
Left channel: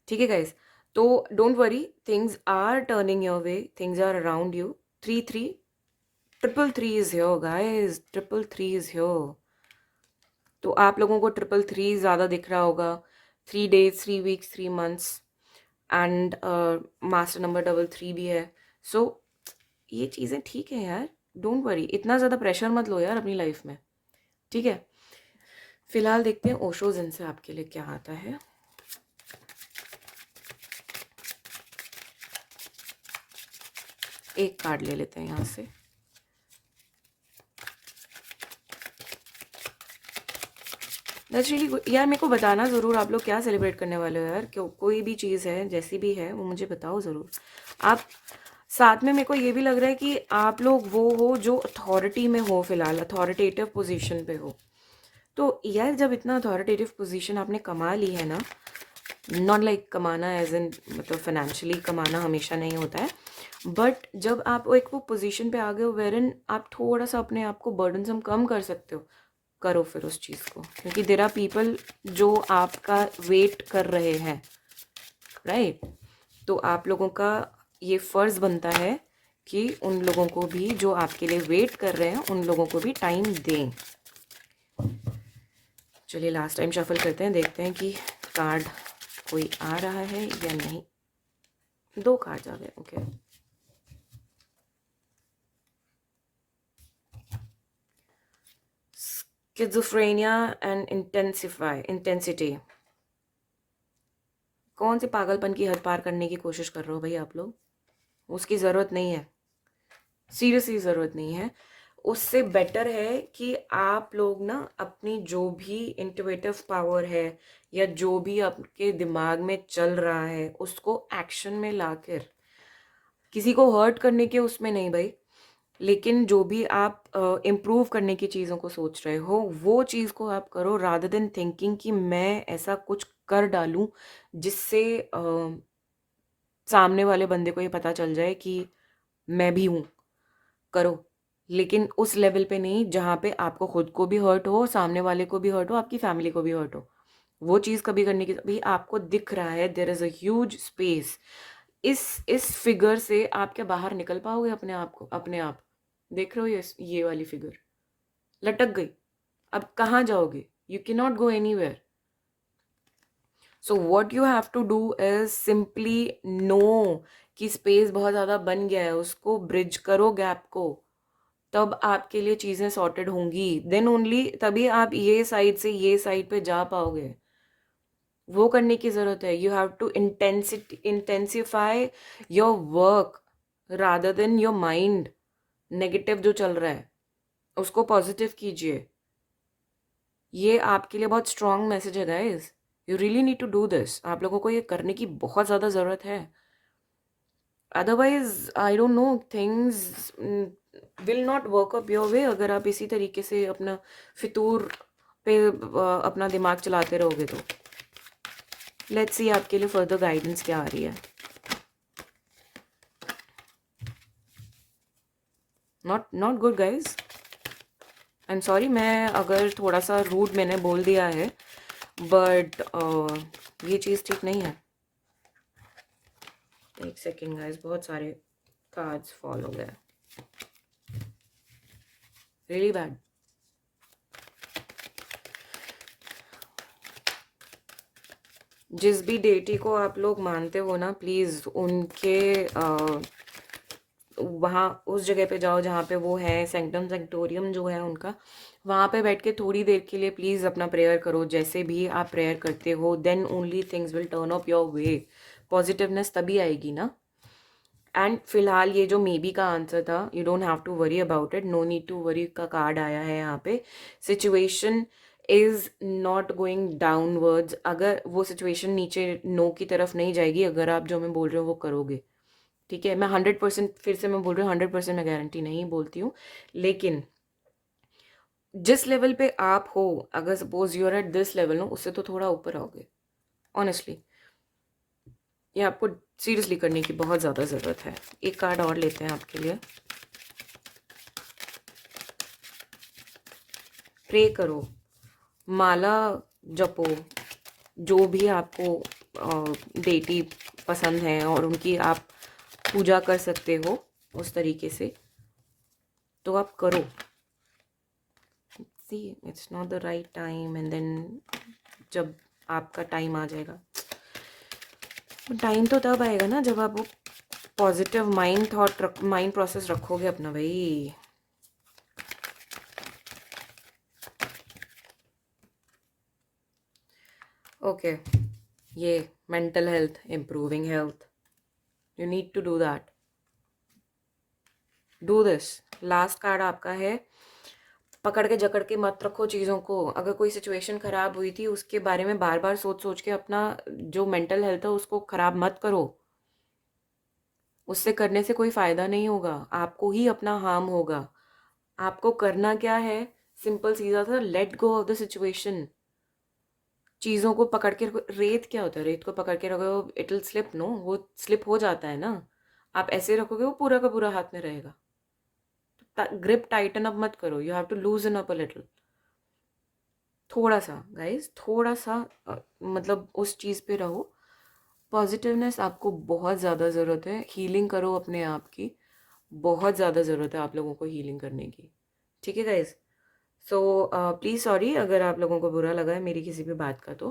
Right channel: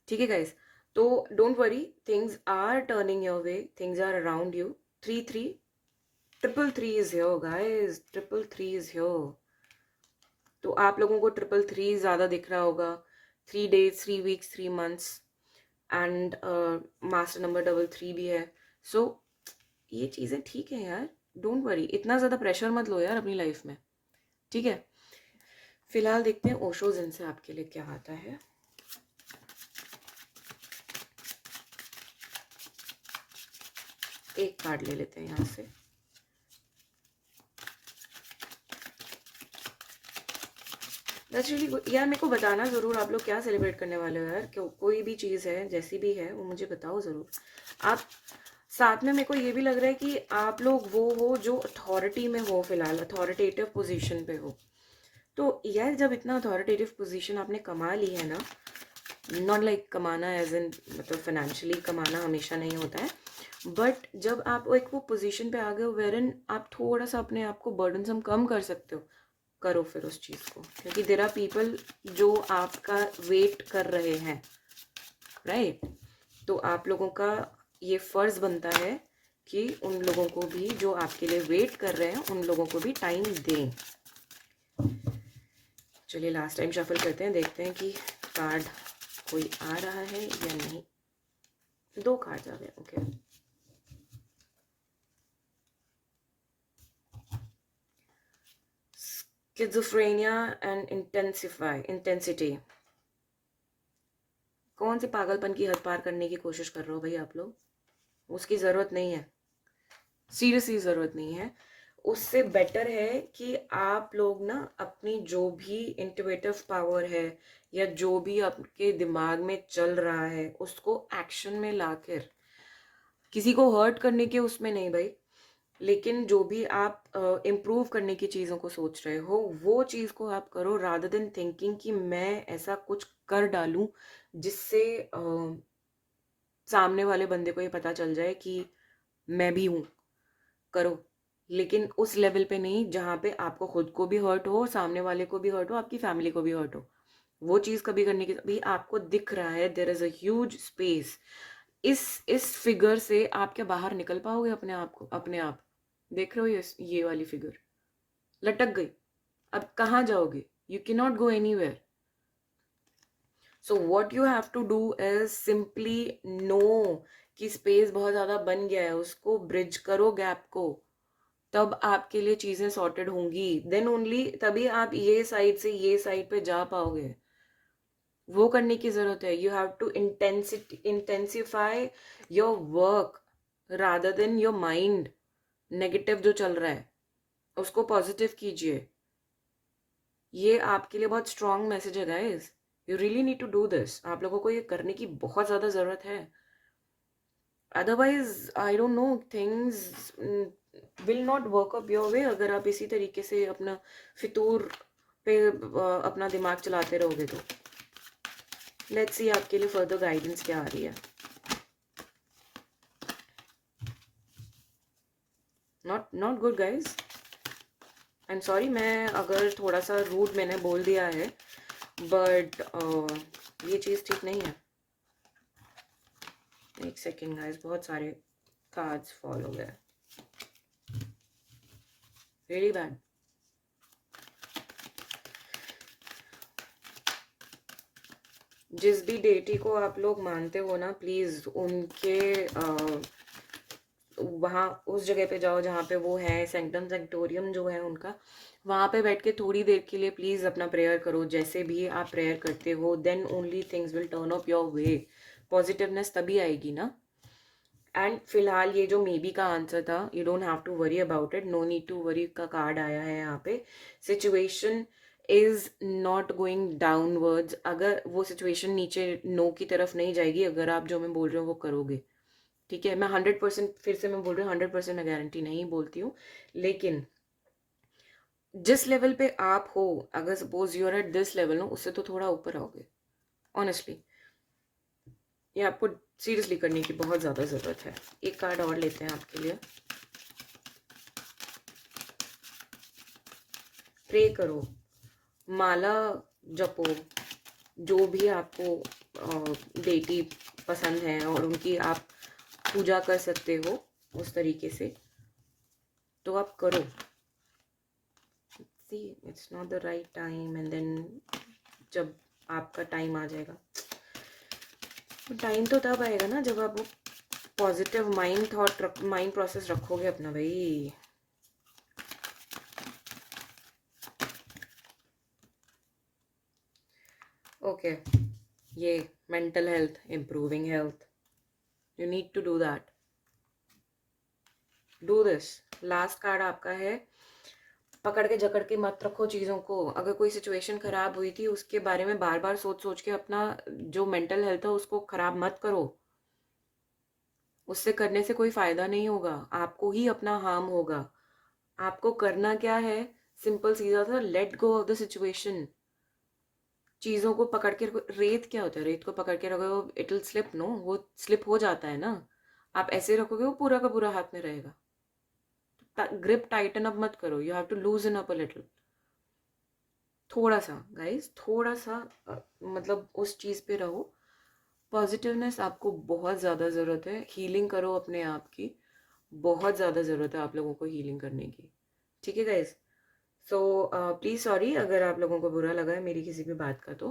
ठीक है गाइज, तो don't worry, things are turning your way, things are around you. 3 3 333 is here guys, 333 is here. तो आप लोगों को 333 ज़्यादा दिख रहा होगा। 3 days, 3 weeks, 3 months, and master number 33 भी है। सो ये चीज़ें ठीक है यार, डोंट वरी, इतना ज़्यादा प्रेशर मत लो यार अपनी लाइफ में। ठीक है, फिलहाल देखते हैं ओशो जिन से आपके लिए क्या आता है। एक कार्ड ले लेते हैं यहाँ से। दैट्स रियली गुड यार। मेरे को बताना ज़रूर आप लोग क्या सेलिब्रेट करने वाले हो यार, क्यों कोई भी चीज़ है जैसी भी है वो मुझे बताओ ज़रूर। आप साथ में, मेरे को ये भी लग रहा है कि आप लोग वो हो जो अथॉरिटी में हो, फिलहाल अथॉरिटेटिव पोजीशन पे हो। तो यार जब इतना अथॉरिटेटिव पोजीशन आपने कमा ली है ना, नॉट लाइक कमाना एज इन मतलब फाइनेंशियली कमाना हमेशा नहीं होता है, बट जब आप एक वो पोजीशन पे आ गए हो वेरन आप थोड़ा सा अपने आप को बर्डनसम कम कर सकते हो, करो फिर उस चीज़ को, क्योंकि देयर आर पीपल जो आपका वेट कर रहे हैं, राइट? तो आप लोगों का ये फ़र्ज़ बनता है कि उन लोगों को भी जो आपके लिए वेट कर रहे हैं, उन लोगों को भी टाइम दें। चलिए लास्ट टाइम शफल करते हैं, देखते हैं कि कार्ड कोई आ रहा है या नहीं। 2 कार्ड आ गए, ओके। Schizophrenia and intensity. कौन सी पागलपन की हद पार करने की कोशिश कर रहे हो भाई आप लोग? उसकी ज़रूरत नहीं है, सीरियसली ज़रूरत नहीं है। उससे बेटर है कि आप लोग ना अपनी जो भी इंट्यूटिव पावर है या जो भी आपके दिमाग में चल रहा है उसको एक्शन में लाकर, किसी को हर्ट करने के उसमें नहीं भाई, लेकिन जो भी आप इम्प्रूव करने की चीज़ों को सोच रहे हो वो चीज़ को आप करो, रादर देन थिंकिंग कि मैं ऐसा कुछ कर डालूं जिससे सामने वाले बंदे को ये पता चल जाए कि मैं भी हूँ। करो, लेकिन उस लेवल पे नहीं जहाँ पे आपको खुद को भी हर्ट हो, सामने वाले को भी हर्ट हो, आपकी फैमिली को भी हर्ट हो। वो चीज़ कभी करने की, भाई आपको दिख रहा है there is a huge space, इस फिगर से आप क्या बाहर निकल पाओगे अपने आप को? अपने आप देख रहे हो ये वाली फिगर लटक गई, अब कहाँ जाओगे? You can not go anywhere. So what you have to do is simply know कि स्पेस बहुत ज़्यादा बन गया है, उसको ब्रिज करो गैप को, तब आपके लिए चीज़ें सॉर्टेड होंगी, देन ओनली तभी आप ये साइड से ये साइड पे जा पाओगे। वो करने की ज़रूरत है। You have to intensify your work rather than your mind. Negative जो चल रहा है उसको पॉजिटिव कीजिए। ये आपके लिए बहुत स्ट्रॉन्ग मैसेज है guys, you really need to do this. आप लोगों को ये करने की बहुत ज़्यादा ज़रूरत है, otherwise I don't know, things will not work up your वे अगर आप इसी तरीके से अपना फितूर पे अपना दिमाग चलाते रहोगे तो। लेट्स सी आपके लिए फर्दर गाइडेंस क्या आ रही है। Not good guys, I am sorry, मैं अगर थोड़ा सा रूड मैंने बोल दिया है, बट ये चीज़ ठीक नहीं है। एक सेकेंड गाइज, बहुत सारे कार्ड्स फॉल हो गए, रियली बैड। जिस भी डेटी को आप लोग मानते हो ना, प्लीज़ उनके वहाँ उस जगह पे जाओ जहाँ पे वो है, सेंक्टम सेंक्टोरियम जो है उनका, वहाँ पे बैठ के थोड़ी देर के लिए प्लीज़ अपना प्रेयर करो। जैसे भी आप प्रेयर करते हो, then only things will turn up your way, positiveness तभी आएगी ना। एंड फिलहाल ये जो मे बी का आंसर था, you don't have to worry about it, no need to worry का कार्ड आया है यहाँ पे। Situation is not going downwards, अगर वो सिचुएशन नीचे नो की तरफ नहीं जाएगी अगर आप जो मैं बोल रही हूँ वो करोगे, ठीक है। मैं 100%, फिर से मैं बोल रही हूँ, 100% मैं गारंटी नहीं बोलती हूँ, लेकिन जिस लेवल पे आप हो, अगर suppose you are at this level no, उससे तो थोड़ा ऊपर आओगे। ऑनेस्टली ये आपको सीरियसली करने की बहुत ज़्यादा ज़रूरत है। एक कार्ड और लेते हैं आपके लिए। प्रे करो, माला जपो, जो भी आपको डेटी पसंद है और उनकी आप पूजा कर सकते हो उस तरीके से, तो आप करो। See it's not the right time, and then जब आपका टाइम आ जाएगा, टाइम तो तब आएगा ना जब आप वो पॉजिटिव माइंड प्रोसेस रखोगे अपना भाई। ओके, ये mental health, improving health, you need to do that, do this. Last card आपका है, पकड़ के जकड़ के मत रखो चीज़ों को। अगर कोई सिचुएशन ख़राब हुई थी उसके बारे में बार बार सोच सोच के अपना जो मेंटल हेल्थ है उसको ख़राब मत करो। उससे करने से कोई फ़ायदा नहीं होगा, आपको ही अपना हार्म होगा। आपको करना क्या है, सिंपल सीधा था, let go of the situation. चीज़ों को पकड़ के रखो। रेत क्या होता है, रेत को पकड़ के रखो, इट विल स्लिप, नो, वो स्लिप हो जाता है ना। आप ऐसे रखोगे वो पूरा का पूरा हाथ में रहेगा। ग्रिप टाइटन अप मत करो, you have to loosen up a little, थोड़ा सा गाइस, थोड़ा सा मतलब उस चीज़ पे रहो। पॉजिटिवनेस आपको बहुत ज़्यादा ज़रूरत है, हीलिंग करो अपने आप की, बहुत ज़्यादा ज़रूरत है आप लोगों को हीलिंग करने की, ठीक है गाइस। सो प्लीज़ सॉरी अगर आप लोगों को बुरा लगा है मेरी किसी भी बात का, तो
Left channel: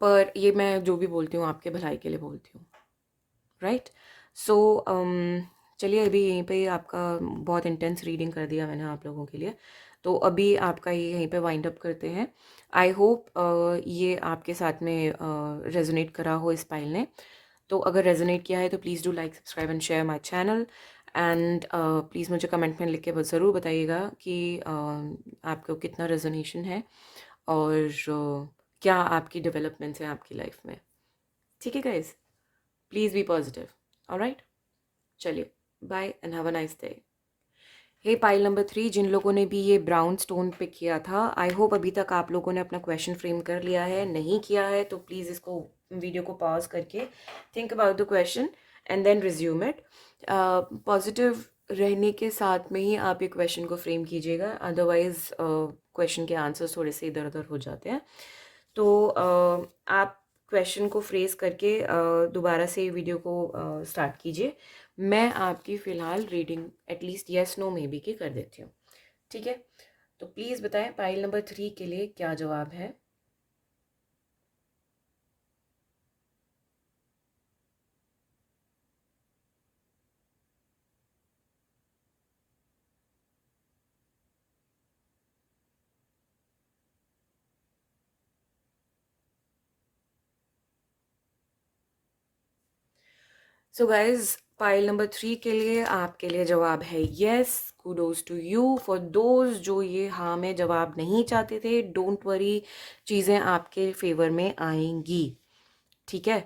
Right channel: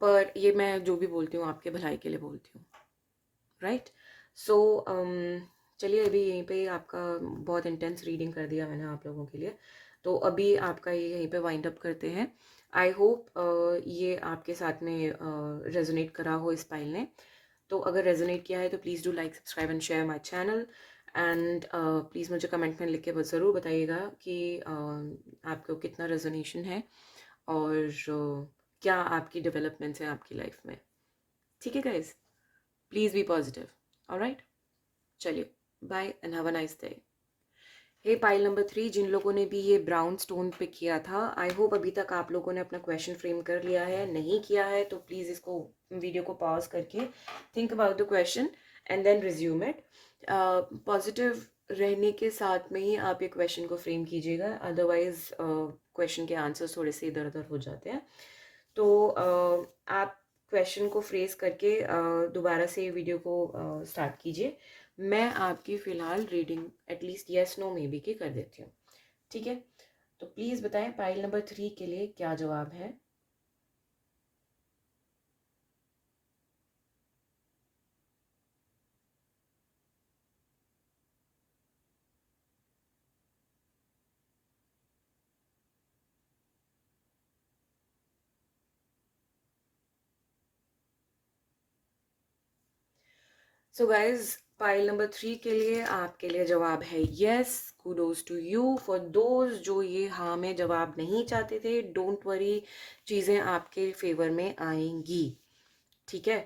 पर ये मैं जो भी बोलती हूँ आपके भलाई के लिए बोलती हूँ, राइट। सो चलिए, अभी यहीं पे ही आपका बहुत इंटेंस रीडिंग कर दिया मैंने आप लोगों के लिए। तो अभी आपका ये यहीं पे वाइंड अप करते हैं। आई होप ये आपके साथ में रेजोनेट करा हो इस पाइल ने। तो अगर रेजोनेट किया है तो please do like subscribe and share my channel. And please मुझे कमेंट में लिख के ज़रूर बताइएगा कि आपको कितना रेजोनेशन है और क्या आपकी डेवलपमेंट्स हैं आपकी लाइफ में। ठीक है guys, please be positive. Alright, चलिए, bye and have a nice day. Hey pile number 3, जिन लोगों ने भी ये ब्राउन स्टोन पिक किया था, आई होप अभी तक आप लोगों ने अपना क्वेश्चन फ्रेम कर लिया है। नहीं किया है तो प्लीज़ इसको वीडियो को पॉज करके think about the question and then resume it. Positive रहने के साथ में ही आप ये क्वेश्चन को फ्रेम कीजिएगा, अदरवाइज क्वेश्चन के आंसर्स थोड़े से इधर उधर हो जाते हैं। तो आप क्वेश्चन को फ्रेज करके दोबारा से वीडियो को स्टार्ट कीजिए। मैं आपकी फ़िलहाल reading at least yes no maybe की कर देती हूँ। ठीक है, तो प्लीज़ बताएं पाइल नंबर 3 के लिए क्या जवाब है। सो गाइज, पाइल नंबर 3 के लिए आपके लिए जवाब है yes. Kudos to you. For those जो ये हाँ में जवाब नहीं चाहते थे, डोंट वरी, चीज़ें आपके फेवर में आएंगी। ठीक है,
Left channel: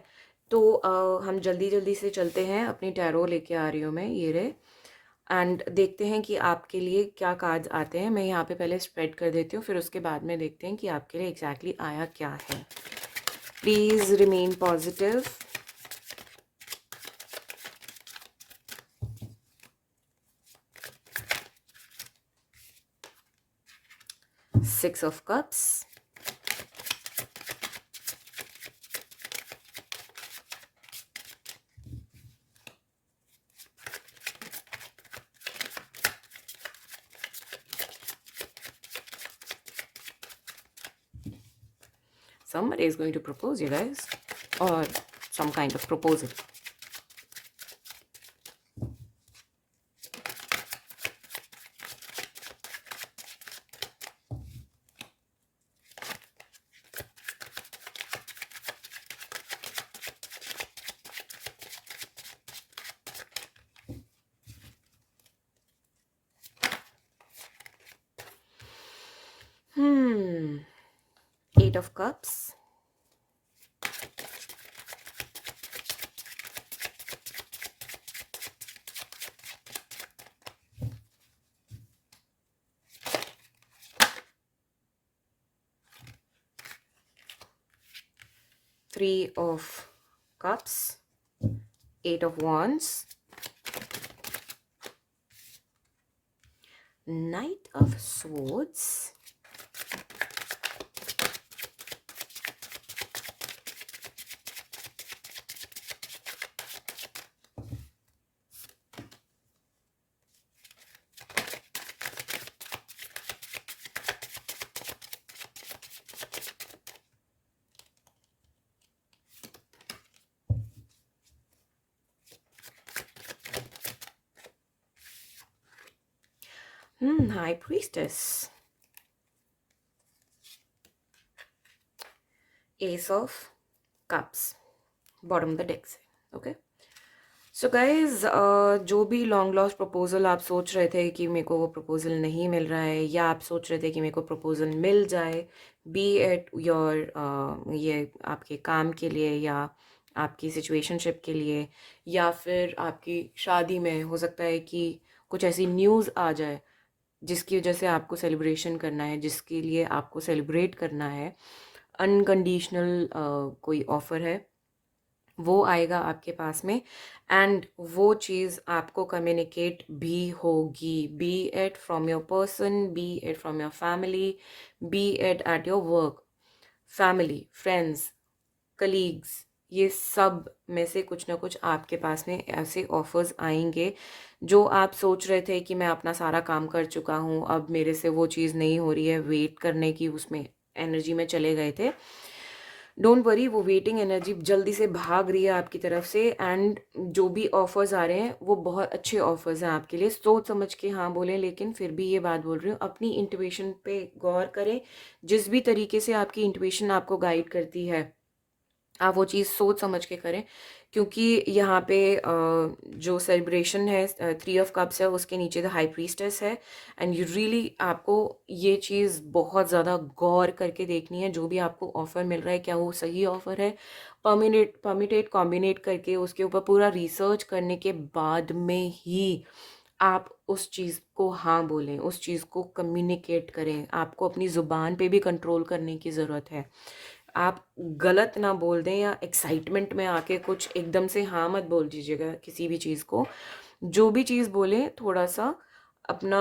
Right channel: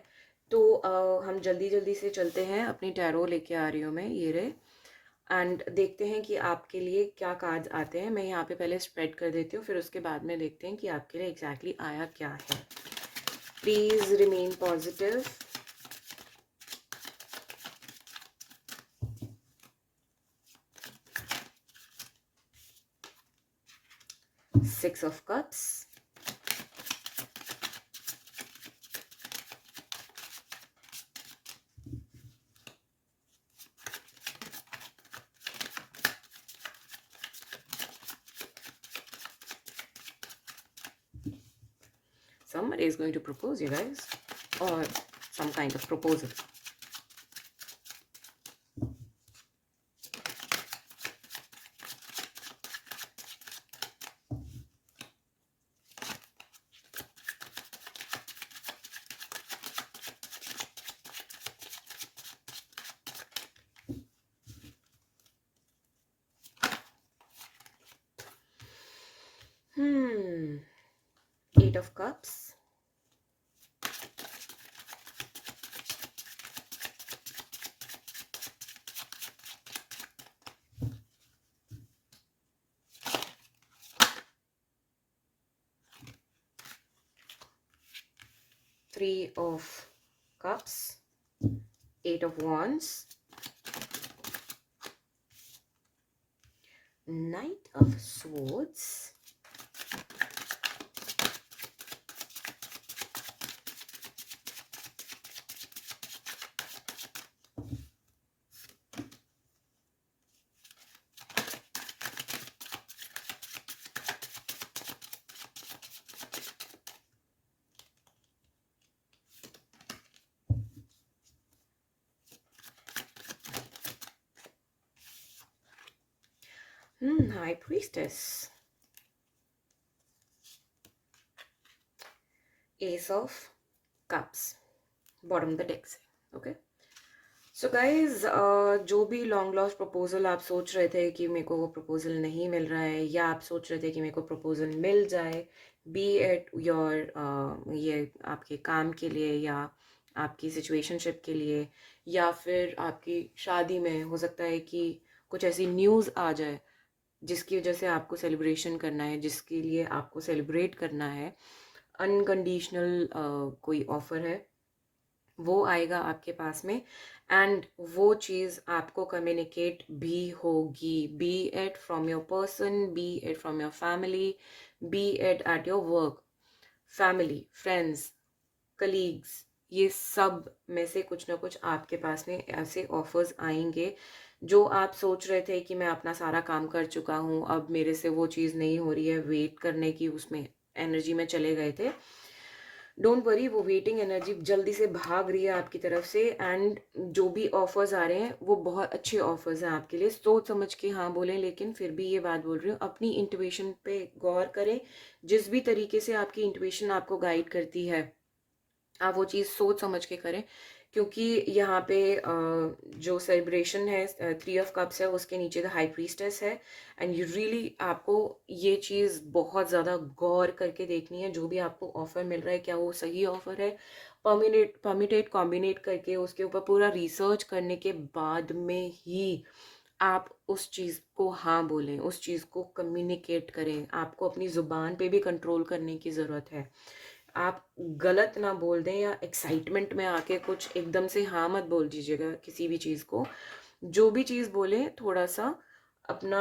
तो हम जल्दी जल्दी से चलते हैं। अपनी टैरो लेके आ रही हूँ मैं, ये रहे, एंड देखते हैं कि आपके लिए क्या कार्ड्स आते हैं। मैं यहाँ पे पहले स्प्रेड कर देती हूँ, फिर उसके बाद में देखते हैं कि आपके लिए एग्जैक्टली आया क्या है। Please remain positive. 6 of Cups, somebody is going to propose, you guys, or some kind of proposal. Hmm. 8 of Cups, 3 of Cups, 8 of Wands, Knight of Swords, High Priestess, Ace of Cups, bottom of the deck से, okay? So guys, जो भी long lost proposal आप सोच रहे थे कि मेरे को वो प्रपोजल नहीं मिल रहा है, या आप सोच रहे थे कि मेरे को प्रपोजल मिल जाए, बी एट योर ये आपके काम के लिए या आपकी सिचुएशनशिप के लिए, या फिर आपकी शादी में हो सकता है कि कुछ ऐसी न्यूज़ आ जाए जिसकी वजह से आपको सेलिब्रेशन करना है, जिसके लिए आपको सेलिब्रेट करना है, अनकंडीशनल कोई ऑफ़र है, वो आएगा आपके पास में, एंड वो चीज़ आपको कम्युनिकेट भी होगी, be it from your person, be it from your family, be it your work, family, friends, colleagues, ये सब में से कुछ ना कुछ आपके पास में ऐसे ऑफर्स आएंगे जो आप सोच रहे थे कि मैं अपना सारा काम कर चुका हूँ, अब मेरे से वो चीज़ नहीं हो रही है, वेट करने की उसमें एनर्जी में चले गए थे। डोंट वरी, वो वेटिंग एनर्जी जल्दी से भाग रही है आपकी तरफ से, एंड जो भी ऑफर्स आ रहे हैं वो बहुत अच्छे ऑफर्स हैं आपके लिए। सोच समझ के हाँ बोलें, लेकिन फिर भी ये बात बोल रही हूँ, अपनी इंट्यूशन पे गौर करें। जिस भी तरीके से आपकी इंट्यूशन आपको गाइड करती है, आप वो चीज़ सोच समझ के करें। क्योंकि यहाँ पे जो सेलिब्रेशन है 3 ऑफ कप्स है, उसके नीचे द हाई प्रीस्टेस है। एंड यू रियली, आपको ये चीज़ बहुत ज़्यादा गौर करके देखनी है। जो भी आपको ऑफ़र मिल रहा है, क्या वो सही ऑफ़र है, परमिटेट कॉम्बिनेट करके उसके ऊपर पूरा रिसर्च करने के बाद में ही आप उस चीज़ को हाँ बोलें, उस चीज़ को कम्युनिकेट करें। आपको अपनी ज़ुबान पे भी कंट्रोल करने की ज़रूरत है। आप गलत ना बोल दें, या एक्साइटमेंट में आके कुछ एकदम से हाँ मत बोल दीजिएगा किसी भी चीज़ को। जो भी चीज़ बोलें, थोड़ा सा अपना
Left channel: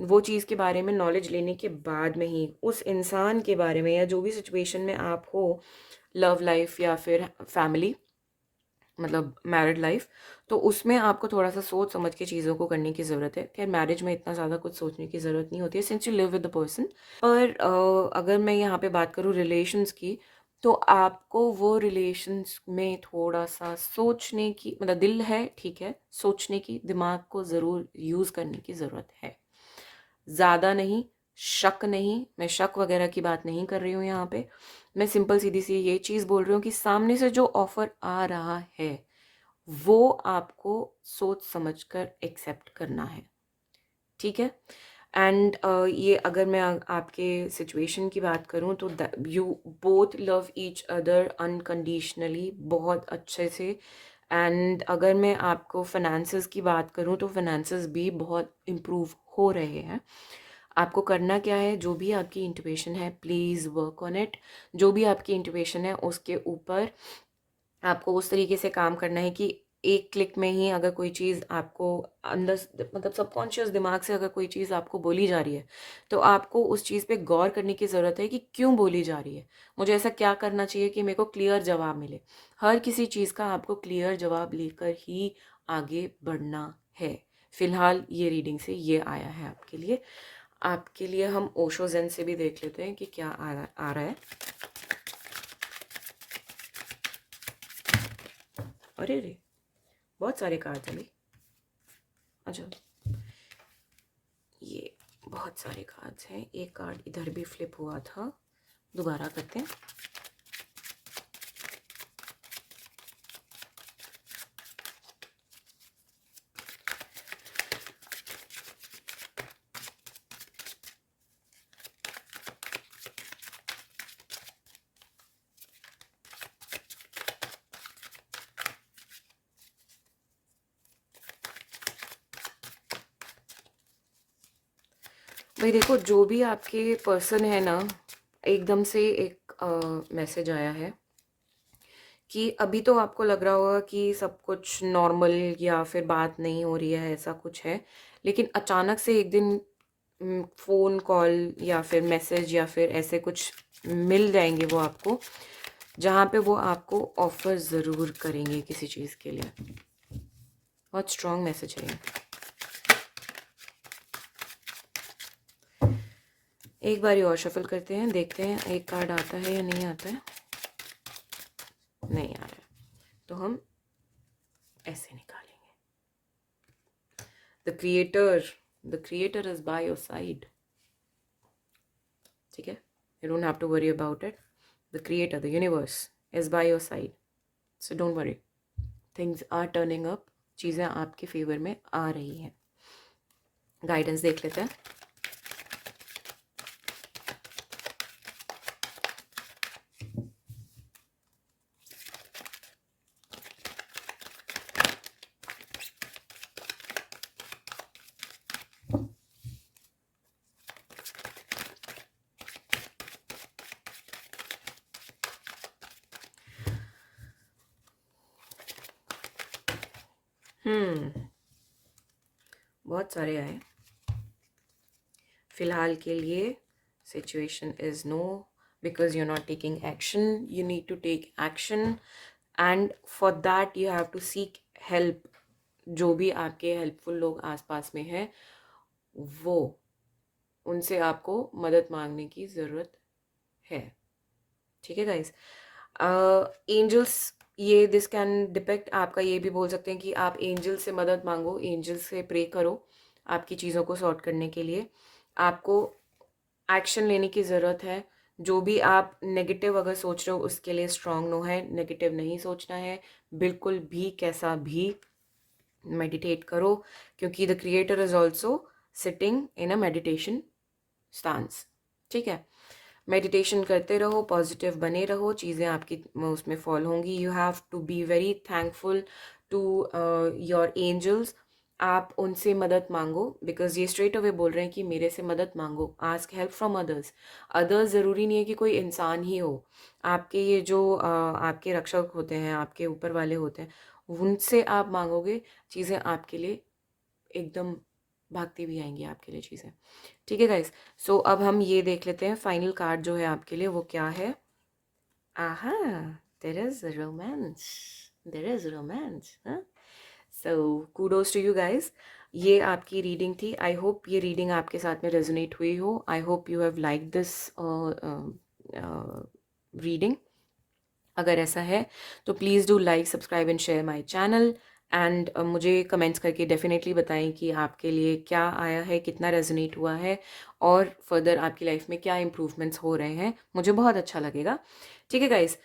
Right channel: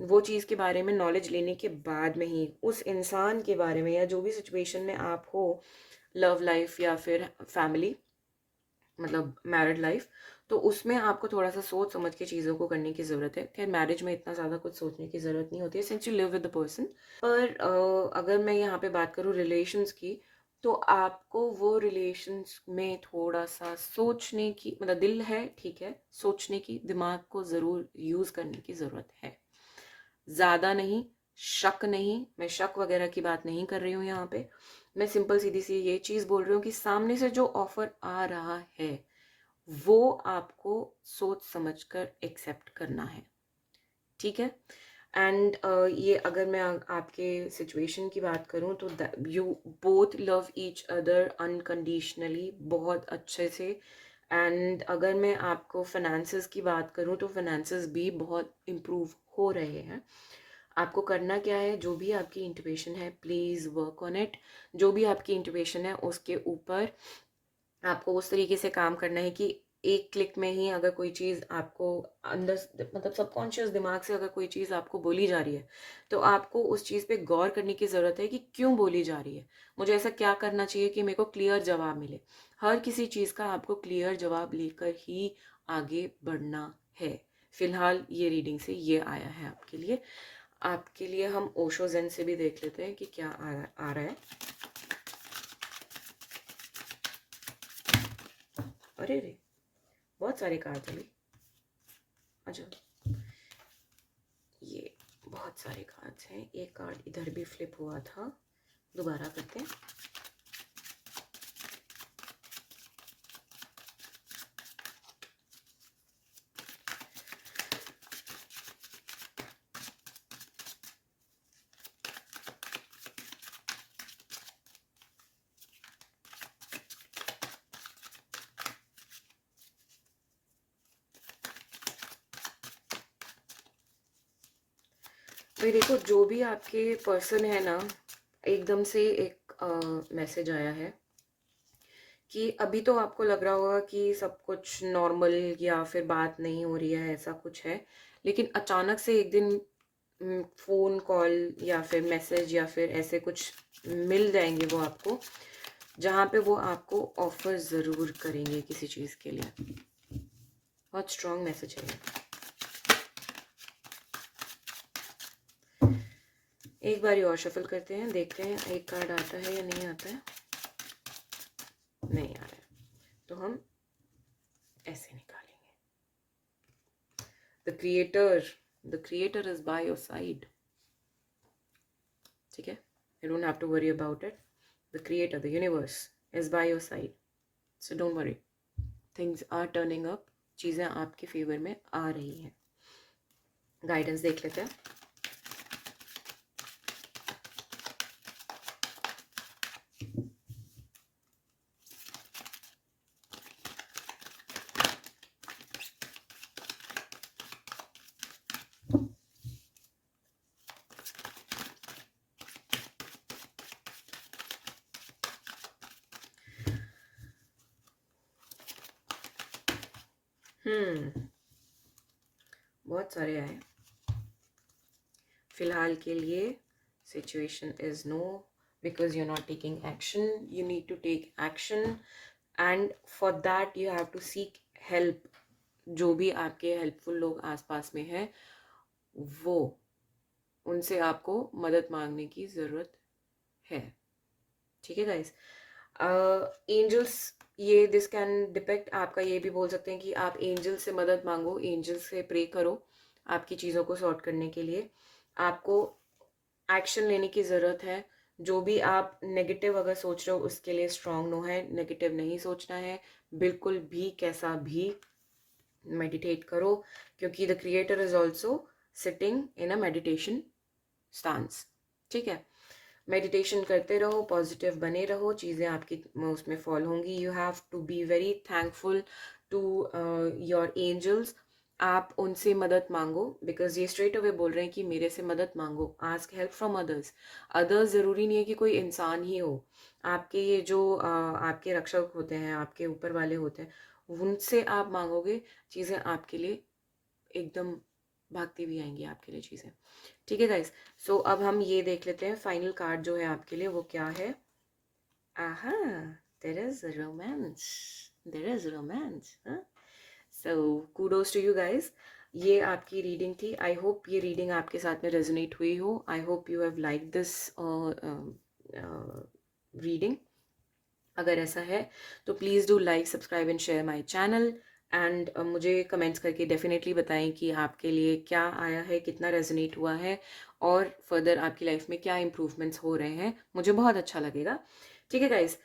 वो चीज़ के बारे में नॉलेज लेने के बाद में ही, उस इंसान के बारे में या जो भी सिचुएशन में आप हो, लव लाइफ या फिर फैमिली, मतलब मैरिड लाइफ, तो उसमें आपको थोड़ा सा सोच समझ के चीज़ों को करने की ज़रूरत है। खैर, मैरिज में इतना ज़्यादा कुछ सोचने की ज़रूरत नहीं होती है, since you live with the person. पर अगर मैं यहाँ पे बात करूँ रिलेशंस की, तो आपको वो रिलेशंस में थोड़ा सा सोचने की, मतलब दिल है ठीक है, सोचने की, दिमाग को ज़रूर यूज़ करने की ज़रूरत है। ज़्यादा नहीं, शक नहीं, मैं शक वगैरह की बात नहीं कर रही हूँ यहाँ पे। मैं सिंपल सीधी सी ये चीज़ बोल रही हूँ कि सामने से जो ऑफ़र आ रहा है, वो आपको सोच समझ कर एक्सेप्ट करना है, ठीक है। एंड ये अगर मैं आपके सिचुएशन की बात करूँ, तो you both love each other unconditionally, बहुत अच्छे से। एंड अगर मैं आपको फाइनेंसेस की बात करूँ, तो फाइनेंसेस भी बहुत इम्प्रूव हो रहे हैं। आपको करना क्या है, जो भी आपकी इंट्यूशन है, प्लीज़ वर्क ऑन इट। जो भी आपकी इंट्यूशन है, उसके ऊपर आपको उस तरीके से काम करना है कि एक क्लिक में ही अगर कोई चीज़ आपको अंदर, मतलब सबकॉन्शियस दिमाग से अगर कोई चीज़ आपको बोली जा रही है, तो आपको उस चीज़ पे गौर करने की ज़रूरत है कि क्यों बोली जा रही है, मुझे ऐसा क्या करना चाहिए कि मेरे को क्लियर जवाब मिले। हर किसी चीज़ का आपको क्लियर जवाब लेकर ही आगे बढ़ना है। फिलहाल ये रीडिंग से ये आया है आपके लिए। आपके लिए हम ओशो ज़ेन से भी देख लेते हैं कि क्या आ रहा है। अरे रे, बहुत सारे कार्ड चले। अच्छा, ये बहुत सारे कार्ड्स हैं। एक कार्ड इधर भी फ्लिप हुआ था, दोबारा करते हैं। भाई देखो, जो भी आपके पर्सन है ना, एकदम से एक मैसेज आया है कि अभी तो आपको लग रहा होगा कि सब कुछ नॉर्मल या फिर बात नहीं हो रही है, ऐसा कुछ है। लेकिन अचानक से एक दिन फ़ोन कॉल या फिर मैसेज या फिर ऐसे कुछ मिल जाएंगे वो आपको, जहाँ पे वो आपको ऑफर ज़रूर करेंगे किसी चीज़ के लिए। बहुत स्ट्रॉन्ग मैसेज है ये। एक बार और शफल करते हैं, देखते हैं एक कार्ड आता है या नहीं आता है। नहीं आ रहा है, तो हम ऐसे निकालेंगे। The creator is by your side, ठीक है। You don't have to worry about it. The creator, the universe is by your side, so don't worry. Things are turning up, चीज़ें आपके फेवर में आ रही हैं। गाइडेंस देख लेते हैं। बहुत सारे आए। फिलहाल के लिए situation is no, because you are not taking action. You need to take action, and for that you have to seek help. जो भी आपके हेल्पफुल लोग आसपास में हैं, वो, उनसे आपको मदद मांगने की ज़रूरत है। ठीक है गाइस। एंजल्स, ये दिस कैन डिपेक्ट, आपका ये भी बोल सकते हैं कि आप एंजल से मदद मांगो, एंजल से प्रे करो आपकी चीज़ों को सॉर्ट करने के लिए। आपको एक्शन लेने की ज़रूरत है। जो भी आप नेगेटिव अगर सोच रहे हो उसके लिए स्ट्रांग नो है, नेगेटिव नहीं सोचना है बिल्कुल भी, कैसा भी। मेडिटेट करो, क्योंकि the creator is also sitting in a meditation stance. ठीक है, मेडिटेशन करते रहो, पॉजिटिव बने रहो, चीज़ें आपकी उसमें फॉल होंगी। You have to be very thankful to your angels. आप उनसे मदद मांगो, बिकॉज ये स्ट्रेट अवे बोल रहे हैं कि मेरे से मदद मांगो, ask help from others. Others ज़रूरी नहीं है कि कोई इंसान ही हो, आपके ये जो आपके रक्षक होते हैं, आपके ऊपर वाले होते हैं, उनसे आप मांगोगे, चीज़ें आपके लिए एकदम भागती भी आएंगी आपके लिए चीज़ें। ठीक है गाइस, सो अब हम ये देख लेते हैं फाइनल कार्ड जो है आपके लिए वो क्या है। Aha, there is romance, there is romance. So kudos to you guys, ये आपकी रीडिंग थी। आई होप ये रीडिंग आपके साथ में रेजोनेट हुई हो। I hope you have like this reading. अगर ऐसा है तो please do like, subscribe and share my channel. And मुझे कमेंट्स करके डेफिनेटली बताएं कि आपके लिए क्या आया है, कितना रेजोनेट हुआ है, और फर्दर आपकी लाइफ में क्या इम्प्रूवमेंट्स हो रहे हैं, मुझे बहुत अच्छा लगेगा। ठीक है गाइस,